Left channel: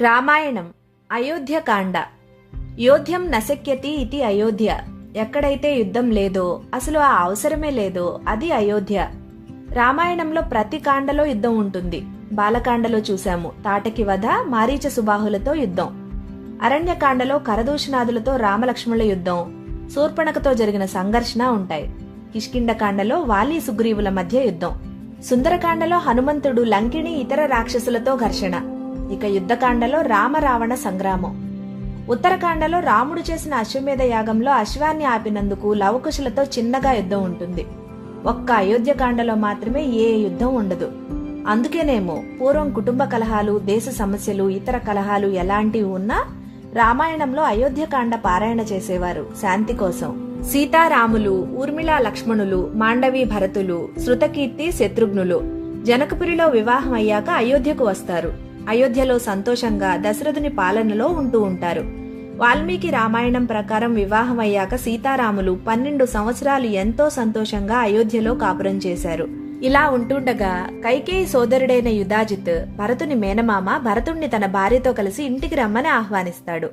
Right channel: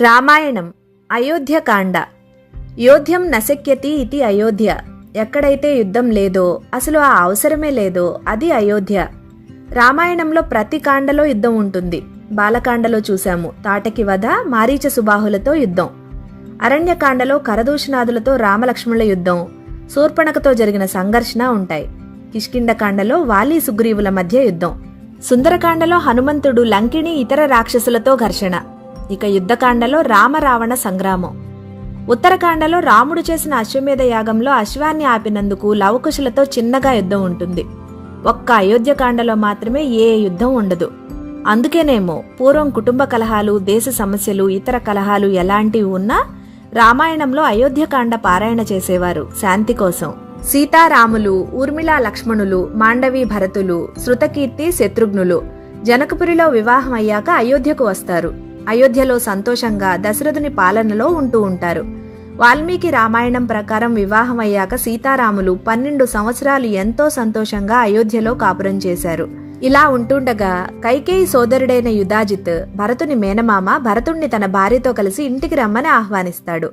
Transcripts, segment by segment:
రామాయణం అయోధ్యకాండ. యోధ్యం నశక్యతి ఇది అయోధ్య. ఎక్కడైతే యుద్ధం లేదో, అసలు ఆ అవసరమే లేదో అది అయోధ్య. రామాయణంలో ప్రతి కాండలో యుద్ధం ఉంటుంది. బాలకాండలో చూశాము తాటకి వధ, మారీచ సుబాహులతో యుద్ధం. అరణ్యకాండలో కరదూషణాదులతో రామలక్ష్మణుల యుద్ధం, శూర్పణఖతో జరిగిన సంఘర్షణ ఉంటాయి. కిష్కింధకాండలో వాలి సుగ్రీవుల మధ్య యుద్ధం. సుందరకాండలో హనుమంతుడు లంకిణి ఇతర రాక్షసులతో ఘర్షణ. ఇక యుద్ధకాండలో రామరావణ సంగ్రామం. ఉత్తరకాండలో రాముడు చేసిన అశ్వమేధ యాగంలో అశ్వాన్ని ఆపినందుకు లవకుశులతో చిన్నగా యుద్ధం ఉంటుంది. ఒక్క అయోధ్యకాండలో మాత్రమే ఏ యుద్ధం ఉండదు. అందుకేనేమో పూర్వం కుటుంబ కలహాలు, దేశ సమస్యలు, ఇతర కలహాలు ఎలాంటివి ఉన్నా రామాయణంలో అయోధ్యకాండ పారాయణ చేసేవారు శాంతి కోసం. సీతారాములు, ఊర్మిళా లక్ష్మణులు, మాండవి భరతులు, శృతకీర్తి శత్రుఘ్నులు జనకపురిలో వివాహం అయ్యాక అయోధ్యకు వస్తారు. అయోధ్యలో సంతోషంగా దశరథుని పాలనలో ఉంటూ ఉంటారు. వాల్మీకి రామాయణం ప్రకారం వివాహం అయ్యాక సీతారాములు 12 సంవత్సరాలు ఎంతో సంతోషంగా అయోధ్యలో కాపురం చేశారు. ఇలా ఉంటుండగా కైకేయి సోదరుడైన యుధాజిత్, భరతుని మేనమామ, భరతుణ్ణి తన భార్యతో కలిసి ఇంటికి రమ్మని ఆహ్వానిస్తాడు.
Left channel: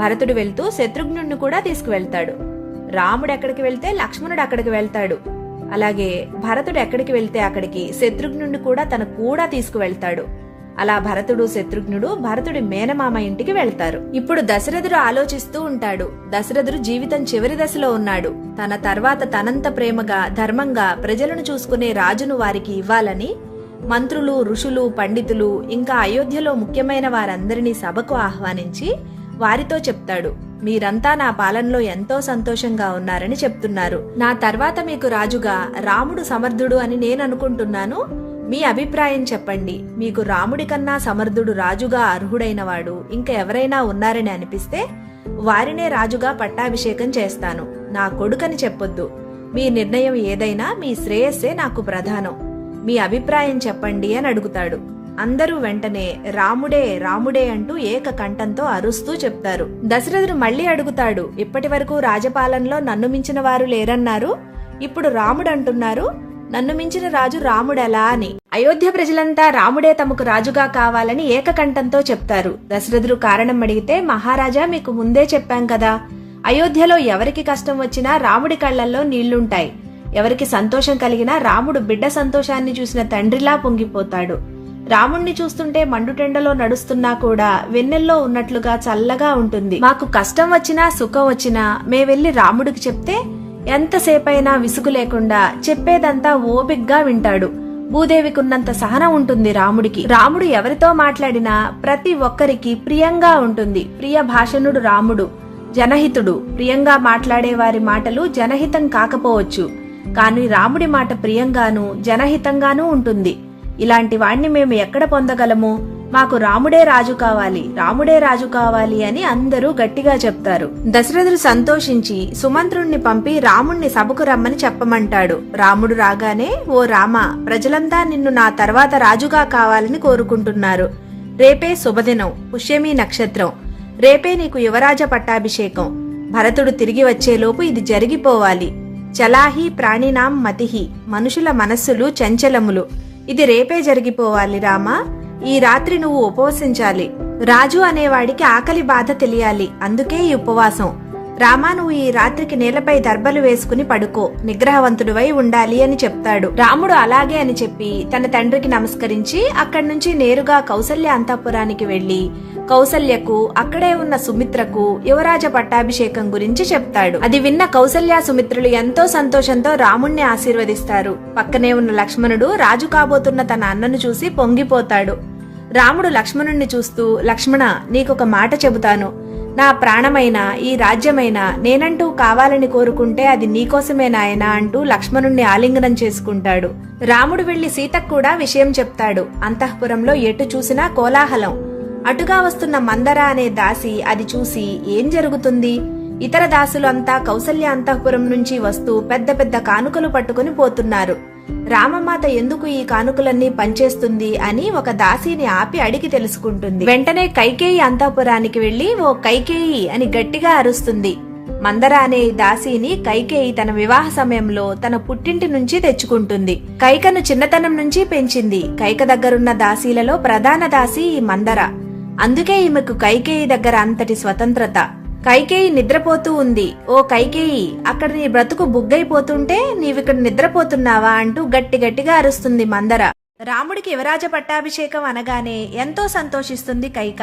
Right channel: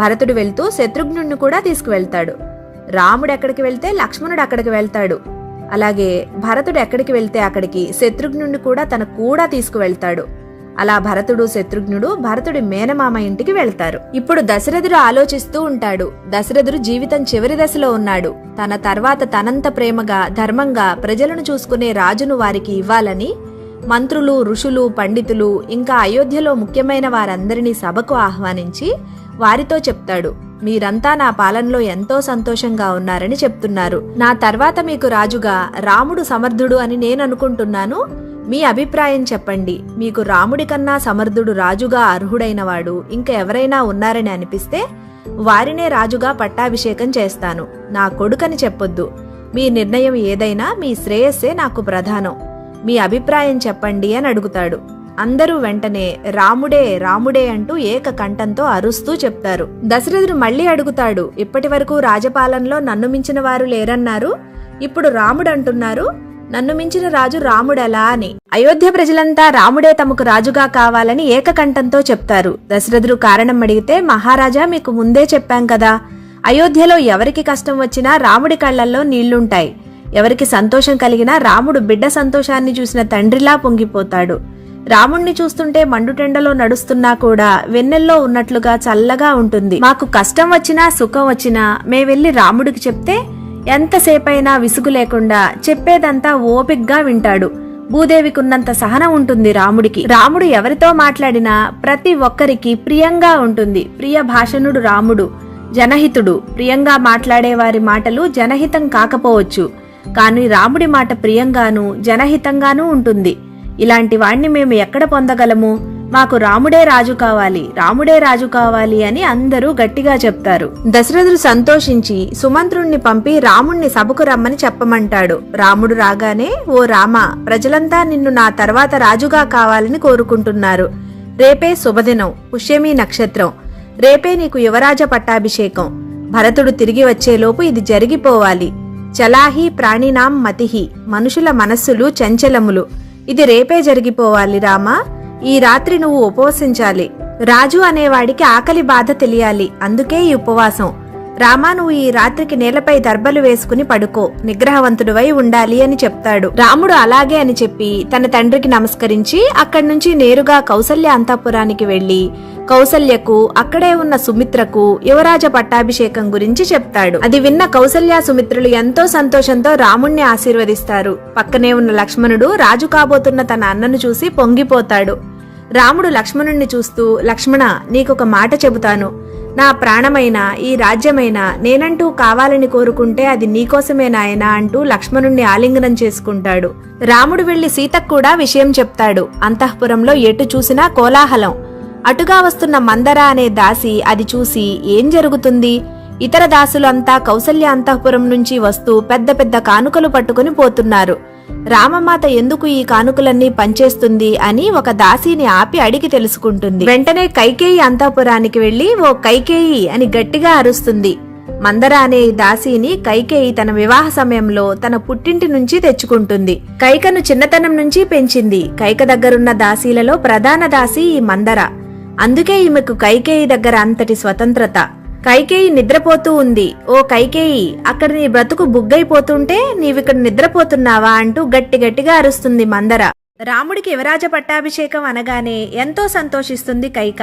భరతుడు వెళ్తూ శత్రుఘ్నుణ్ణి కూడా తీసుకువెళ్తాడు. రాముడు ఎక్కడికి వెళ్తే లక్ష్మణుడు అక్కడికి వెళ్తాడు. అలాగే భరతుడు ఎక్కడికి వెళ్తే అక్కడికి శత్రుఘ్నుణ్ణి కూడా తన కూడా తీసుకువెళ్తాడు. అలా భరతుడు, శత్రుఘ్నుడు భరతుడి మేనమామ ఇంటికి వెళ్తారు. ఇప్పుడు దశరథుడు ఆలోచిస్తూ ఉంటాడు. దశరథుడు జీవితం చివరి దశలో ఉన్నాడు. తన తర్వాత తనంత ప్రేమగా, ధర్మంగా ప్రజలను చూసుకునే రాజును వారికి ఇవ్వాలని మంత్రులు, ఋషులు, పండితులు, ఇంకా అయోధ్యలో ముఖ్యమైన వారందరినీ సభకు ఆహ్వానించి వారితో చెప్తాడు, మీరంతా నా పాలనలో ఎంతో సంతోషంగా ఉన్నారని చెప్తున్నారు. నా తర్వాత మీకు రాజుగా రాముడు సమర్థుడు అని నేను అనుకుంటున్నాను. మీ అభిప్రాయం చెప్పండి. మీకు రాముడి కన్నా సమర్థుడు, రాజుగా అర్హుడైనవాడు ఇంకా ఎవరైనా ఉన్నారని అనిపిస్తే వారినే రాజుగా పట్టాభిషేకం చేస్తాను. నా కొడుకని చెప్పొద్దు. మీ నిర్ణయం ఏదైనా మీ శ్రేయస్సే నాకు ప్రధానం. మీ అభిప్రాయం చెప్పండి అని అడుగుతాడు. అందరూ వెంటనే రాముడే రాముడే అంటూ ఏక కంఠంతో అరుస్తూ చెప్తారు. దశరథుడు మళ్లీ అడుగుతాడు, ఇప్పటి వరకు రాజపాలనలో నన్ను మించిన వారు లేరన్నారు, ఇప్పుడు రాముడు అంటున్నారు, నన్ను మించిన రాజు రాముడెలా అని. అయోధ్య ప్రజలంతా రాముడే తమకు రాజుగా కావాలని ఏకకంఠంతో చెప్తారు. దశరథుడు కారణం అడిగితే, మహారాజా మీకు ముందే చెప్పాం కదా, అయోధ్యలో ఎవరికి కష్టం వచ్చినా రాముడి కళ్లల్లో నీళ్లుంటాయి. ఎవరికి సంతోషం కలిగినా రాముడు బిడ్డ సంతోషాన్ని చూసిన తండ్రిలా పొంగిపోతాడు. రాముణ్ణి చూస్తుంటే మండుటెండలో నడుస్తున్నా కూడా వెన్నెల్లో ఉన్నట్లుగా చల్లగా ఉంటుంది. మాకు కష్టం వచ్చినా సుఖం వచ్చినా మేమెళ్లి రాముడికి చెప్తే ఎంతసేపైనా విసుగు లేకుండా చెప్పేదంతా ఓపిగ్గా వింటాడు. భూదేవికున్నంత సహనం ఉంటుంది రాముడికి. రాముడు ఎవరితో మాట్లాడినా ప్రతి ఒక్కరికి ప్రియంగా ఉంటుంది. ప్రియ భాషణుడు రాముడు. జనహితుడు. ప్రియంగా మాట్లాడే వారి మాటలు జనహితం కాకపోవచ్చు, కానీ రాముడి మాట ప్రియంగానూ జనహితంగానూ ఉంటుంది. ఇలాంటి వాణ్ణి మేము ఎక్కడ పొందగలము? మాకు రాముడే రాజు కావాలి, రాముడే రాజు కావాలి అని అందరూ గట్టిగా చెప్తారు. దశరథుడు సంతోషించి సుమంత్రుణ్ణి పంపి రాముణ్ణి సభకు రమ్మని చెప్పమంటాడు. రాముడు రాగానే, ఓ రామ, ప్రజలంతా నిన్ను నా తర్వాత రాజుగా కావాలని కోరుకుంటున్నారు. రేపే శుభదినం, పుష్యమీ నక్షత్రం. రేపే నీకు యువరాజ పట్టాభిషేకం. భరతుడు తిరిగి వచ్చేలోపు ఇది జరిగిపోవాలి. చలాహి ప్రాణినాం మతిహి. మనుషుల మనస్సులు చంచలములు. ఇది రేపే జరిగిపోవాలి రామా. ఈ రాత్రి నువ్వు ఉపవసించాలి. రాజు అనేవాడికి ఆకలి బాధ తెలియాలి. అందుకే ఈ ఉపవాసం. రామా, నువ్వు ఈ రాత్రికి నేలపై దర్బలు వేసుకుని పడుకో. నిగ్రహవంతుడివై ఉండాలి అని చెప్తాడు. రాముడు అలాగే అని చెప్పి తన తండ్రికి నమస్కరించి అక్కడి నుంచి నేరుగా కౌసల్య అంతఃపురానికి వెళ్లి కౌసల్యకు, అక్కడే ఉన్న సుమిత్రకు యువరాజ పట్టాభిషేకం గురించి చెప్తాడు. అది విన్న కౌసల్య, సుమిత్రులు ఎంతో సంతోషంతో రాముణ్ణి ఆశీర్వదిస్తారు. పక్కనే ఉన్న లక్ష్మణుడు రాజు కాబోతున్న తన అన్నను చూసి పొంగిపోతాడు. రాముడు లక్ష్మణుణ్ణి చూస్తూ, లక్ష్మణ, నీకొక మాట చెబుతాను. నా ప్రాణమైనా ఈ రాజ్యమైనా నేనంటూ కావాలని కోరుకుంటే అది నీకోసమే నాయనా అంటూ లక్ష్మణుణ్ణి ఆలింగనం చేసుకుంటాడు. రాముడు వెళ్లి సీతకు కూడా విషయం చెప్తాడు. అంతఃపురంలో ఎటు చూసినా కోలాహలం. అటుగా వస్తున్న మందర అనే దాసి అది చూసి ఏం జరుగుతుంది? ఇతర దాసులంతా కౌసల్య అంతఃపురం నుంచి వస్తూ పెద్ద పెద్ద కానుకలు పట్టుకుని పోతున్నారు. రామమాత ఎందుకు ఈ కానుకలన్నీ పంచేస్తుంది అని ఒక దాసిని ఆపి అడిగి తెలుసుకుంటుంది. వెంటనే కైకేయి అంతఃపురానికి వెళ్లి, ఓ కైకేయి అని గట్టిగా అరుస్తుంది. మందర అనే దాసిని కైకేయి తన వివాహ సమయంలో తన పుట్టింటి నుంచి తెచ్చుకుంటుంది. కైకను చిన్నతనం నుంచి పెంచింది. కైక దగ్గరున్న దాసీలలో ప్రధాన దాసి ఈ మందర. అందుకే ఈమెకు కైకేయి దగ్గర అంతటి స్వతంత్రత. కైకేయి నిద్రపోతూ ఉంది. ఓ కైకేయి, అక్కడ నీ బ్రతుకు బుగ్గైపోతుంటే నీవిక్కడ నిద్రపోతున్నావా అంటూ గట్టి గట్టిగా అరుస్తుంది మందర. రాముడికి యువరాజ పట్టాభిషేకం అనగానే ఎంతో సంతోషిస్తుంది కైక.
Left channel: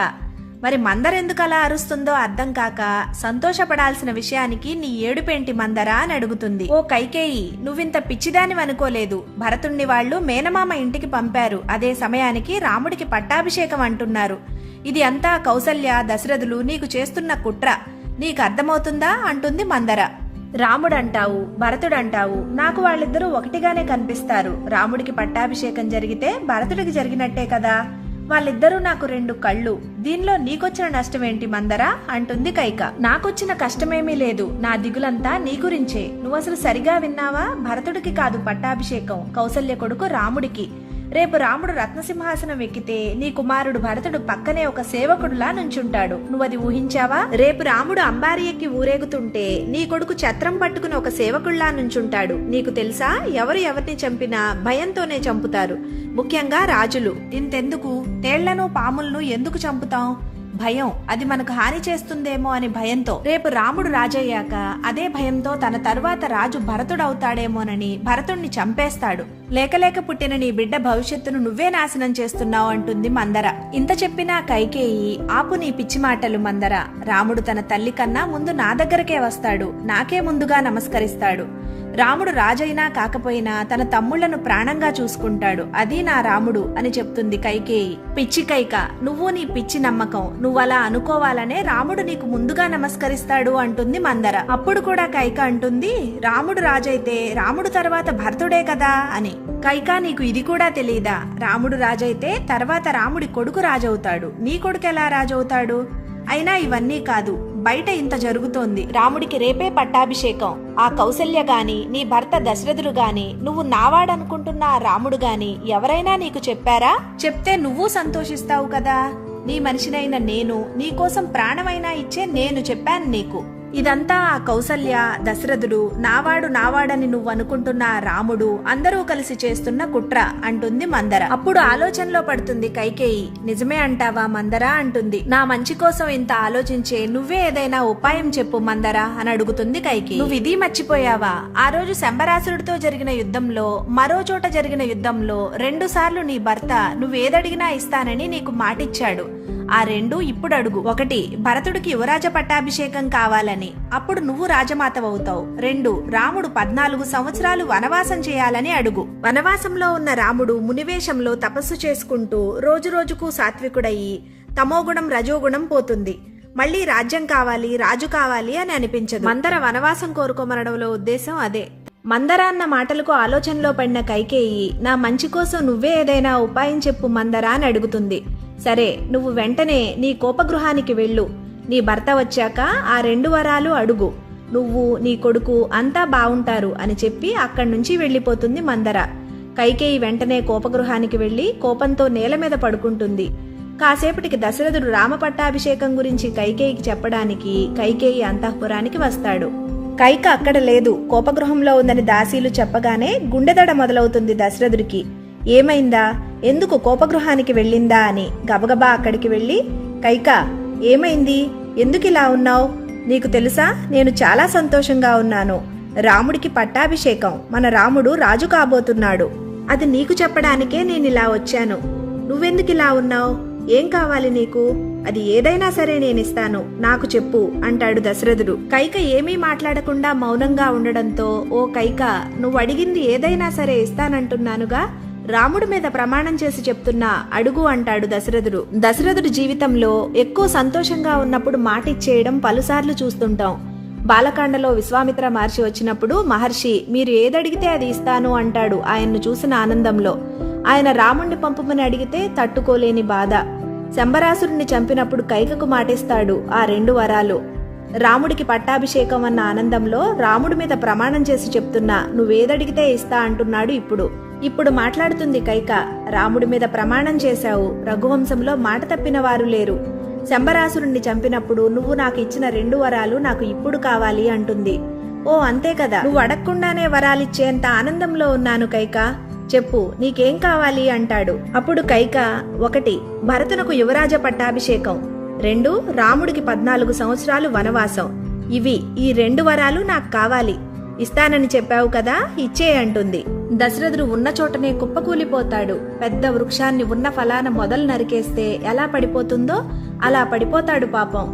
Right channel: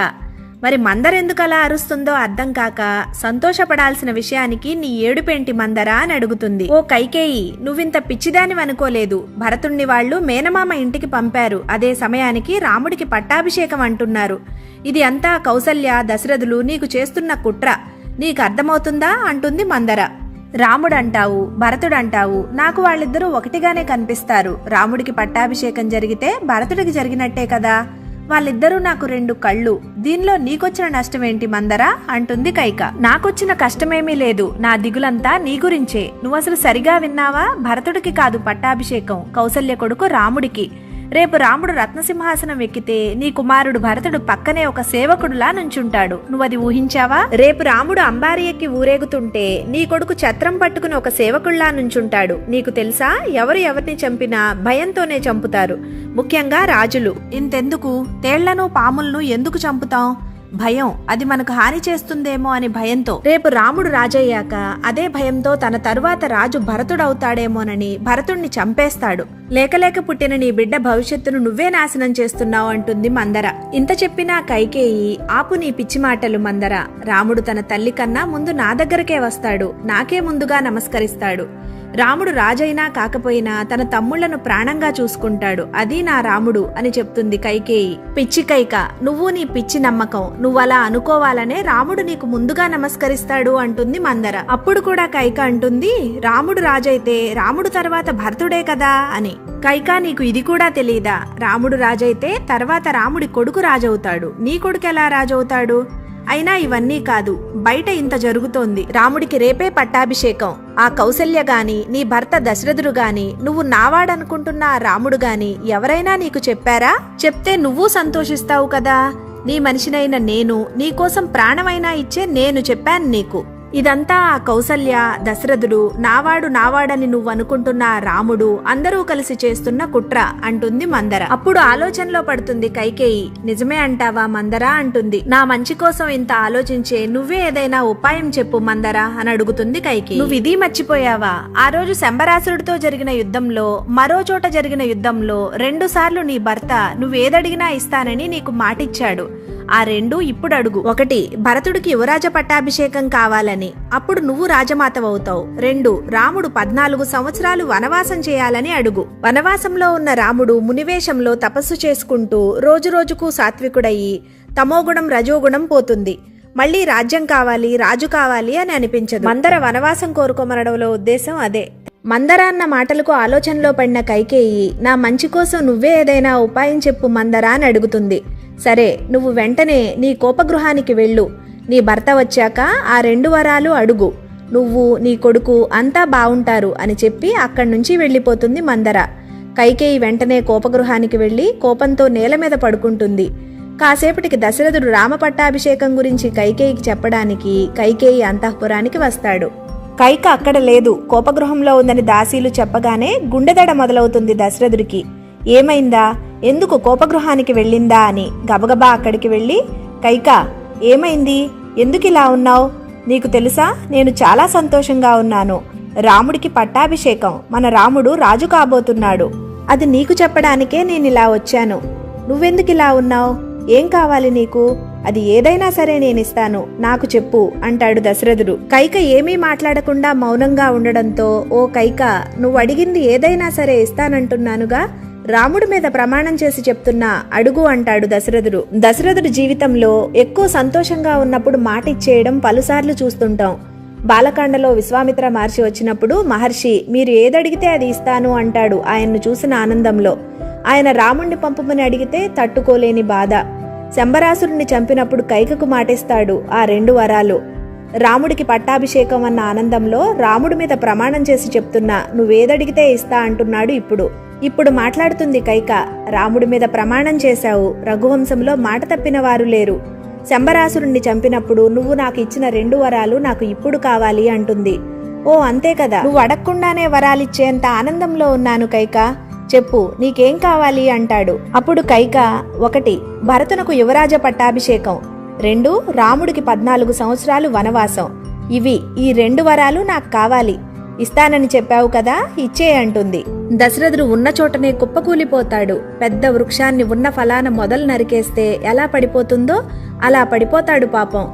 మరి మందరెందుకు అలా అరుస్తుందో అర్థం కాక సంతోషపడాల్సిన విషయానికి నీ ఏడుపేంటి మందరా అని అడుగుతుంది. ఓ కైకేయి, నువ్వింత పిచ్చిదానివనుకోలేదు. భరతుణ్ణి వాళ్లు మేనమామ ఇంటికి పంపారు. అదే సమయానికి రాముడికి పట్టాభిషేకం అంటున్నారు. ఇది అంతా కౌసల్య దశరథులు నీకు చేస్తున్న కుట్ర. నీకు అర్థమవుతుందా అంటుంది మందర. రాముడంటావు, భరతుడంటావు, నాకు వాళ్ళిద్దరూ ఒకటిగానే కనిపిస్తారు. రాముడికి పట్టాభిషేకం జరిగితే భరతుడికి జరిగినట్టే కదా. వాళ్ళిద్దరూ నాకు రెండు కళ్ళు. దీనిలో నీకొచ్చిన నష్టమేంటి మందరా అంటుంది కైక. నాకొచ్చిన కష్టమేమీ లేదు. నా దిగులంతా నీ గురించే. నువ్వసలు సరిగా విన్నావా? భరతుడికి కాదు పట్టాభిషేకం, కౌసల్య కొడుకు రాముడికి. రేపు రాముడు రత్నసింహాసనం ఎక్కితే నీ కుమారుడు భరతుడు పక్కనే ఒక సేవకుడులా నుంచుంటాడు. నువ్వది ఊహించావా? రేపు రాముడు అంబారి ఎక్కి ఊరేగుతుంటే నీ కొడుకు ఛత్రం పట్టుకుని ఒక సేవకుళ్లా నుంచుంటాడు. నీకు తెలుసా, ఎవరు ఎవరిని చంపినా భయంతోనే చంపుతారు. ముఖ్యంగా రాజులు. ఇంతెందుకు, తేళ్లను పాములను ఎందుకు చంపుతాం? భయం. అది మనకు హాని చేస్తుందేమో అని భయంతో. రేపు రాముడు రాజయ్యాక అదే భయంతో తన తరువాత రాజు భరతుడవుతాడేమోనని భరతుణ్ణి చంపేస్తాడు. లేకలేక పుట్టిన నీ బిడ్డ భవిష్యత్తును నువ్వే నాశనం చేస్తున్నావు అంటుంది మందర. ఇంత చెప్పినా కైకేయి, ఆపు నీ పిచ్చి మాటలు మందర. రాముడు తన తల్లి కన్నా ముందు నా దగ్గరకే వస్తాడు. నాకే ముందుగా నమస్కరిస్తాడు. రాముడు రాజైనా కాకపోయినా తన తమ్ముళ్లను ప్రాణంగా చూసుకుంటాడు. అది నా రాముడు అని చెప్తుంది కైకేయి. పిచ్చి కైక, నువ్వు నీ పిచ్చి నమ్మకం. నువ్వలా అనుకోవాలనే రాముడు నీకు ముందుగా నమస్కరిస్తాడు అంటుంది మందర. అప్పుడు కూడా కైక అంటుంది, రాముడు రాజైతే రాముడు తర్వాత భరతుడే కదా అని. కైక, నీకు ఇది కూడా తెలీదా? రాముడు రాజైతే తర్వాత రాముడి కొడుకు రాజవుతాడు. నీ కొడుకు ఎలా రాజవుతాడు? అయినా ఇవన్నీ కాదు, బయట ఇంత జరుగుతోంది. రాముడికి రేపే పట్టాభిషేకం. ఆ కౌసల్య గాని, నీ భర్త దశరథుడు గాని, నువ్వు నావాడనుకుంటున్న ఆ రాముడు గాని ఎవరైనా నీకు చెప్పారా? చెప్తే నువ్వు సంతోషిస్తావు కదా. నీ మనిషినైన నేను, నీకోసం ప్రాణమైనా ఇచ్చే నేను చెప్పాను నీకు. ఇదంతా ఆ కౌసల్య, దశరథుడు, నావాడని నువ్వనుకుంటున్న రాముడు అందరూ కలిసి చేస్తున్న కుట్ర అంటుంది మందర. అప్పుడు ఆలోచనలో పడుతుంది కైకేయి. నిజమే అంటావా మందరా అంటుంది. నా మంచి కోసం ఇంత ఆలోచించే నువ్వే ఏదైనా ఉపాయం చెప్పు మందరా అని అడుగుతుంది కైకేయి. నువ్వు ఇది మర్చిపోయావా? ఆ రోజు శంబరాసురుడితో జరిగిన యుద్ధంలో, మరో చోట జరిగిన యుద్ధంలో 2 సార్లు నీ భర్త నువ్వేదడిగినా ఇస్తానని నీకు మాటిచ్చాడు. ఆ 2 ఇప్పుడు అడుగు. 1, భరతుడికి యువరాజ పట్టాభిషేకం కావాలని, అప్పుడు నువ్వు రాజమాతవవుతావు. 2, రాముడు 14 సంవత్సరాలు వనవాసం చేయాలని అడుగు. వనవాసంలో ఉన్న రాముడు మునివేషంలో తపస్సు చేసుకుంటూ రోజురోజుకు సాత్వికుడయ్యి తమోగుణం రజోగుణం పోతుంది. మళ్లీ రాజ్యం కావాలి, రాజు కావాలి అని అనిపించదు. మందర వనవాసం కోరుకోమనడంలో ఉద్దేశం అదే. మందర అన్న మాటలకు ఆలోచనలో పడిన కైకేయి, నా మంచి కోసం నువ్వే ఏదైనా ఉపాయం చెప్పు మందరా అని అడుగుతుంది. సరే, నువ్వు వెంటనే నీ కోపగృహానికి వెళ్ళు. నీ భర్త వచ్చాక ఆ 2 వరాలు అడుగు. నువ్వు, నీ కొడుకు అంతా బావుంటారు అని చెప్పి అక్కడి నుంచి వెళ్లిపోతుంది మందర. కైకేయి వెంటనే కోపగృహానికి వెళ్లి కోపంతో నేల మీద పడుకుంటుంది. కాసేపటికి దశరథుడు రామ పట్టాభిషేకం గురించి కైకేయికి చెప్పడానికి కైకేయి అంతఃపురానికి వస్తాడు. కైక అక్కడ లేదు, కోపగృహంలో ఉందని దాసీలు చెప్పగానే గుండెదడ మొదలవుతుంది దశరథుడికి. ఏమైందా, ఎందుకు కోపగృహానికి వెళ్ళిందా అని గబగబా అక్కడికి వెళ్లి, కైక ఏమైంది, ఎందుకిలా ఉన్నావు? నీకు తెలుసా, నేను చాలా సంతోషంగా ఉన్నాను. రాముడికి పట్టాభిషేకం, మన రాముడు రాజు కాబోతున్నాడు. అది నీకు చెప్పడానికే నేనిలా వచ్చాను. నువ్వెందుకిలా ఉన్నావు? ఏం కావాలి నీకు? అది ఏదైనా సరే నేనిస్తాను, నాకు చెప్పు అంటాడు దశరథుడు. కైక ఏమీ మాట్లాడకుండా మౌనంగా ఉండడంతో, ఓ కైక, నువ్వు అడిగింది ఏదైనా సరే ఇస్తానంటున్నానుగా, రాముడి మీద ప్రమాణం చేసి చెప్తున్నా, అడుగు అంటాడు దశరథుడు. దశరథుడి జీవితంలో ఎక్కువ సంతోషంగా ఉన్నప్పుడు మాట ఇచ్చేయడం పలుసార్లు చూస్తుంటాం. బాలకాండలో విశ్వామిత్ర మహర్షి వచ్చినప్పుడు మహర్షి, మీరు ఏదడిగితే అది ఇస్తాను అంటాడు ఆయన్ను చూసిన ఆనందంలో. ఆయన రాముణ్ణి పంపమని అడిగితే తట్టుకోలేని బాధ. శంబరాసురుణ్ణి చంపినప్పుడు కైకకు మాటిస్తాడు ఆ 2 వరాలు. రాముడికి పట్టాభిషేకం అన్న ఆనందంలో రాముడి మీద ప్రమాణం చేసి చెప్తున్నా, నువ్వేదడిగితే ఇస్తా అంటున్నాడు ఇప్పుడు మాట్లాడుతుంది కైక. రాముడి మీద ప్రమాణం చేశావు, రఘువంశంలో మాట తప్పిన వారు లేరు. శంబరాసురుణ్ణి చంపినప్పుడు నువ్వు నాకు ఇచ్చిన 2 వరాలు నాకు ఇప్పుడు కావాలి అంటుంది. ఓ అంతే కదా, నువ్వు అడగకుండానే వరాలిచ్చేంత ఆనందంలో ఉన్నాను కైక. చెప్పు, నీకేం కావాలి అంటాడు. అప్పుడు కైక 1 భరతునకు యువరాజ పట్టాభిషేకం, 2 రాముడికి 14 సంవత్సరాలు వనవాసం. ఈ 2 వరాలు నాకు కావాలి. ఇస్తానని చెప్పావు కదా, ఇచ్చే అంటుంది. దశరథుడు ఉన్న చోటనే కుప్పకూలిపోతాడు. పెద్ద వృక్షాన్ని ఉన్న ఫలాన మొదలు నరికేస్తే ఎలా పడిపోతుందో అలా పడిపోతాడు పాపం.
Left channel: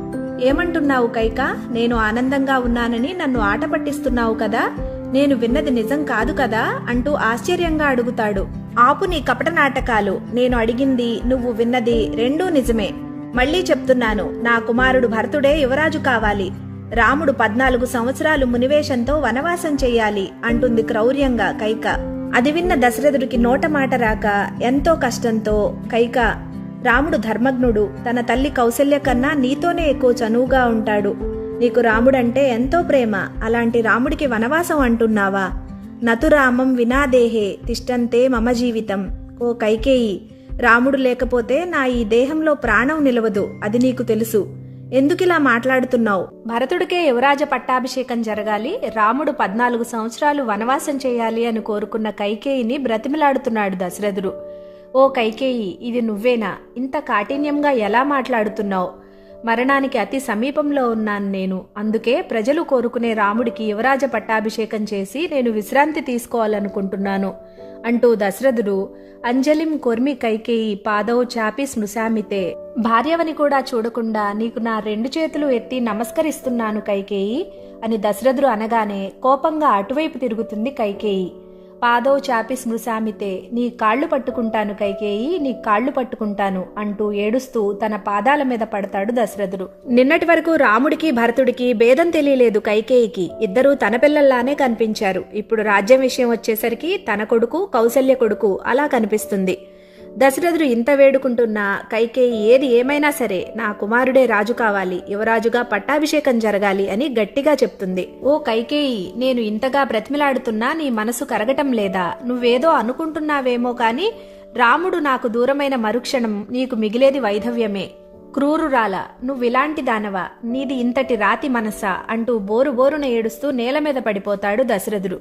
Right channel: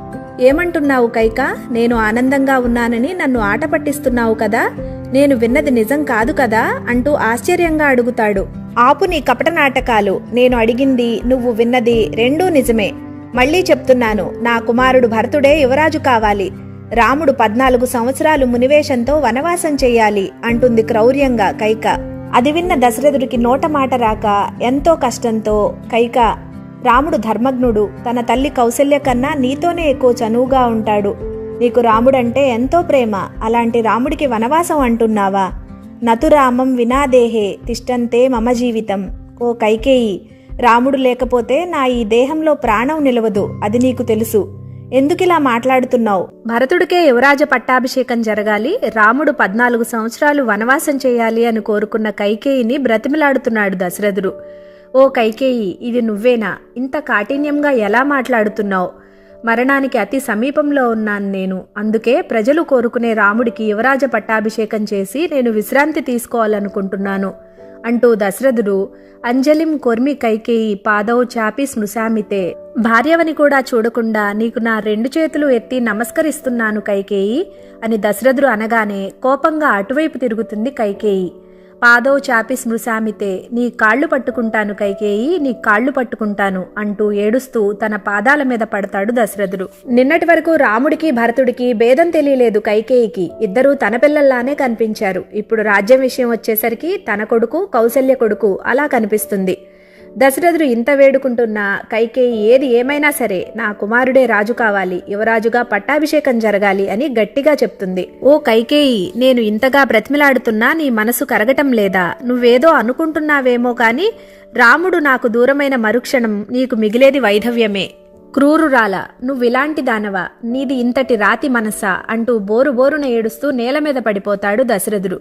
ఏమంటున్నావు కైక? నేను ఆనందంగా ఉన్నానని నన్ను ఆట పట్టిస్తున్నావు కదా, నేను విన్నది నిజం కాదు కదా అంటూ ఆశ్చర్యంగా అడుగుతాడు. ఆపు నీ కపట నాటకాలు. నేను అడిగింది, నువ్వు విన్నది రెండూ నిజమే. మళ్లీ చెప్తున్నాను, నా కుమారుడు భరతుడే యువరాజు కావాలి. రాముడు 14 సంవత్సరాలు మునివేషంతో వనవాసం చెయ్యాలి అంటుంది క్రౌర్యంగా కైక. అది విన్న దశరథుడికి నోట మాట రాక ఎంతో కష్టంతో, కైక, రాముడు ధర్మజ్ఞుడు, తన తల్లి కౌసల్య కన్నా నీతోనే ఎక్కువ చనువుగా ఉంటాడు. నీకు రాముడంటే ఎంతో ప్రేమ, అలాంటి రాముడికి వనవాసం అంటున్నావా? నతురామం వినాదేహే తిష్టంతే మమ జీవితం. ఓ కైకేయి, రాముడు లేకపోతే నా ఈ దేహంలో ప్రాణం నిలవదు, అది నీకు తెలుసు. ఎందుకిలా మాట్లాడుతున్నావు? భరతుడికే యువరాజ పట్టాభిషేకం జరగాలి, రాముడు 14 సంవత్సరాలు వనవాసం చేయాలి అని కోరుకున్న కైకేయిని బ్రతిమిలాడుతున్నాడు దశరథుడు. ఓ కైకేయి, ఇది నువ్వేనా? ఇంత కాఠిన్యంగా ఎలా మాట్లాడుతున్నావు? మరణానికి అతి సమీపంలో ఉన్నాను నేను. అందుకే ప్రజలు కోరుకునే రాముడికి యువరాజ పట్టాభిషేకం చేసి నేను విశ్రాంతి తీసుకోవాలనుకుంటున్నాను అంటూ దశరథుడు అంజలిం కొర్మి కైకేయి పాదౌ చాపి స్మృశామితే, భార్యవని కూడా చూడకుండా నీకు నా 2 చేతులు ఎత్తి నమస్కరిస్తున్నాను కైకేయి అని దశరథుడు అనగానే కోపంగా అటువైపు తిరుగుతుంది కైకేయి. పాదౌ చాపి స్మృశామితే, నీ కాళ్లు పట్టుకుంటాను కైకేయి, నీ కాళ్లు పట్టుకుంటాను అంటూ ఏడుస్తూ తన పాదాల మీద పడతాడు దశరథుడు. నిన్నటి వరకు రాముడికి భరతుడికి భేదం తెలియలేదు కైకేయికి. ఇద్దరూ తన పిల్లల్లానే కనిపించారు. ఇప్పుడు రాజ్యం విషయం వచ్చేసరికి తన కొడుకు కౌసల్య కొడుకు అలా కనిపిస్తుంది. దశరథుడు ఇంత వేడుకుంటున్నా కైకేయి ఏది ఏమైనా సరే నా కుమారుడే రాజు కావాలి, యువరాజుగా పట్టాభిషేకం జరగాలి అని గట్టిగా చెప్తుంది. ఓ కైకేయి, నేను ఇంతగా బ్రతిమిలాడుతున్నా నీ మనసు కరగటం లేదా? నువ్వేదో అనుకుంటున్నావేమో కాని రాముడు నాకు దూరమైన మరుక్షణం నీకు మిగిలేది వైధవ్యమే. క్రూరురాల, నువ్విలాంటి దానవా? నీది ఇంతటి రాతి మనసా అంటూ బోరున ఏడుస్తూ నేల మీద పడిపోతాడు దశరథుడు.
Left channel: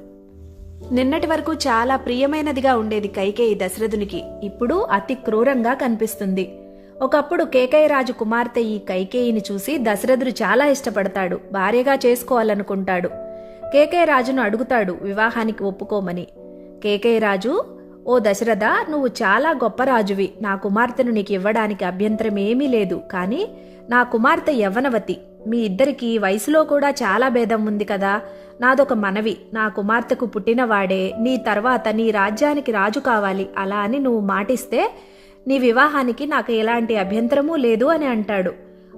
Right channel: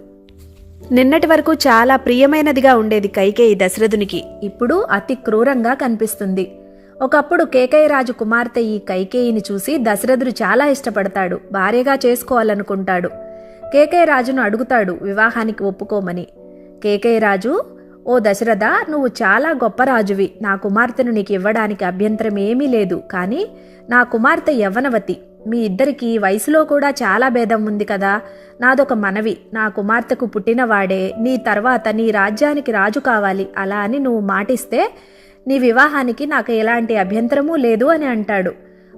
నిన్నటి వరకు చాలా ప్రియమైనదిగా ఉండేది కైకేయి దశరథునికి, ఇప్పుడు అతి క్రూరంగా కనిపిస్తుంది. ఒకప్పుడు కేకయరాజు కుమార్తె ఈ కైకేయిని చూసి దశరథుడు చాలా ఇష్టపడతాడు, భార్యగా చేసుకోవాలనుకుంటాడు. కేకయరాజును అడుగుతాడు వివాహానికి ఒప్పుకోమని. కేకయరాజు, ఓ దశరథ, నువ్వు చాలా గొప్ప రాజువి, నా కుమార్తెను నీకు ఇవ్వడానికి అభ్యంతరం ఏమీ లేదు. కానీ నా కుమార్తె యవ్వనవతి, మీ ఇద్దరికీ వయసులో కూడా చాలా భేదం ఉంది కదా. నాదొక మనవి, నా కుమార్తెకు పుట్టినవాడే నీ తర్వాత నీ రాజ్యానికి రాజు కావాలి. అలా అని నువ్వు మాటిస్తే నీ వివాహానికి నాకు ఎలాంటి అభ్యంతరమూ లేదు అని అంటాడు.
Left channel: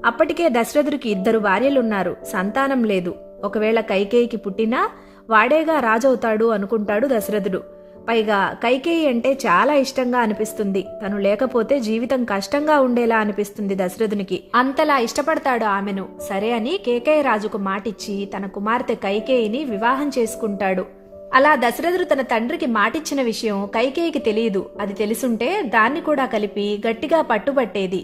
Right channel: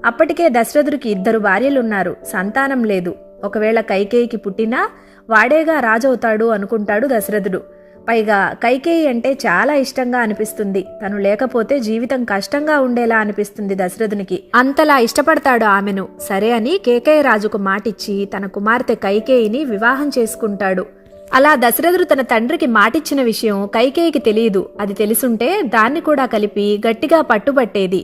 అప్పటికే దశరథుడికి 2 భార్యలున్నారు, సంతానం లేదు. ఒకవేళ కైకేయికి పుట్టినా వాడేగా రాజవుతాడు అనుకుంటాడు దశరథుడు. పైగా కైకేయి అంటే చాలా ఇష్టంగా అనిపిస్తుంది. తను లేకపోతే జీవితం కష్టంగా ఉండేలా అనిపిస్తుంది దశరథునికి. అంతలా ఇష్టపడతాడు ఆమెను. సరే అని కేకయరాజుకు మాటిచ్చి తన కుమార్తె కైకేయిని వివాహం చేసుకుంటాడు. అలా దశరథుడు తన తండ్రికి మాటిచ్చిన విషయం కైకేయికి తెలియదు. అది తెలుసుంటే దాన్ని కూడా కలిపి గట్టిగా పట్టుబట్టేది.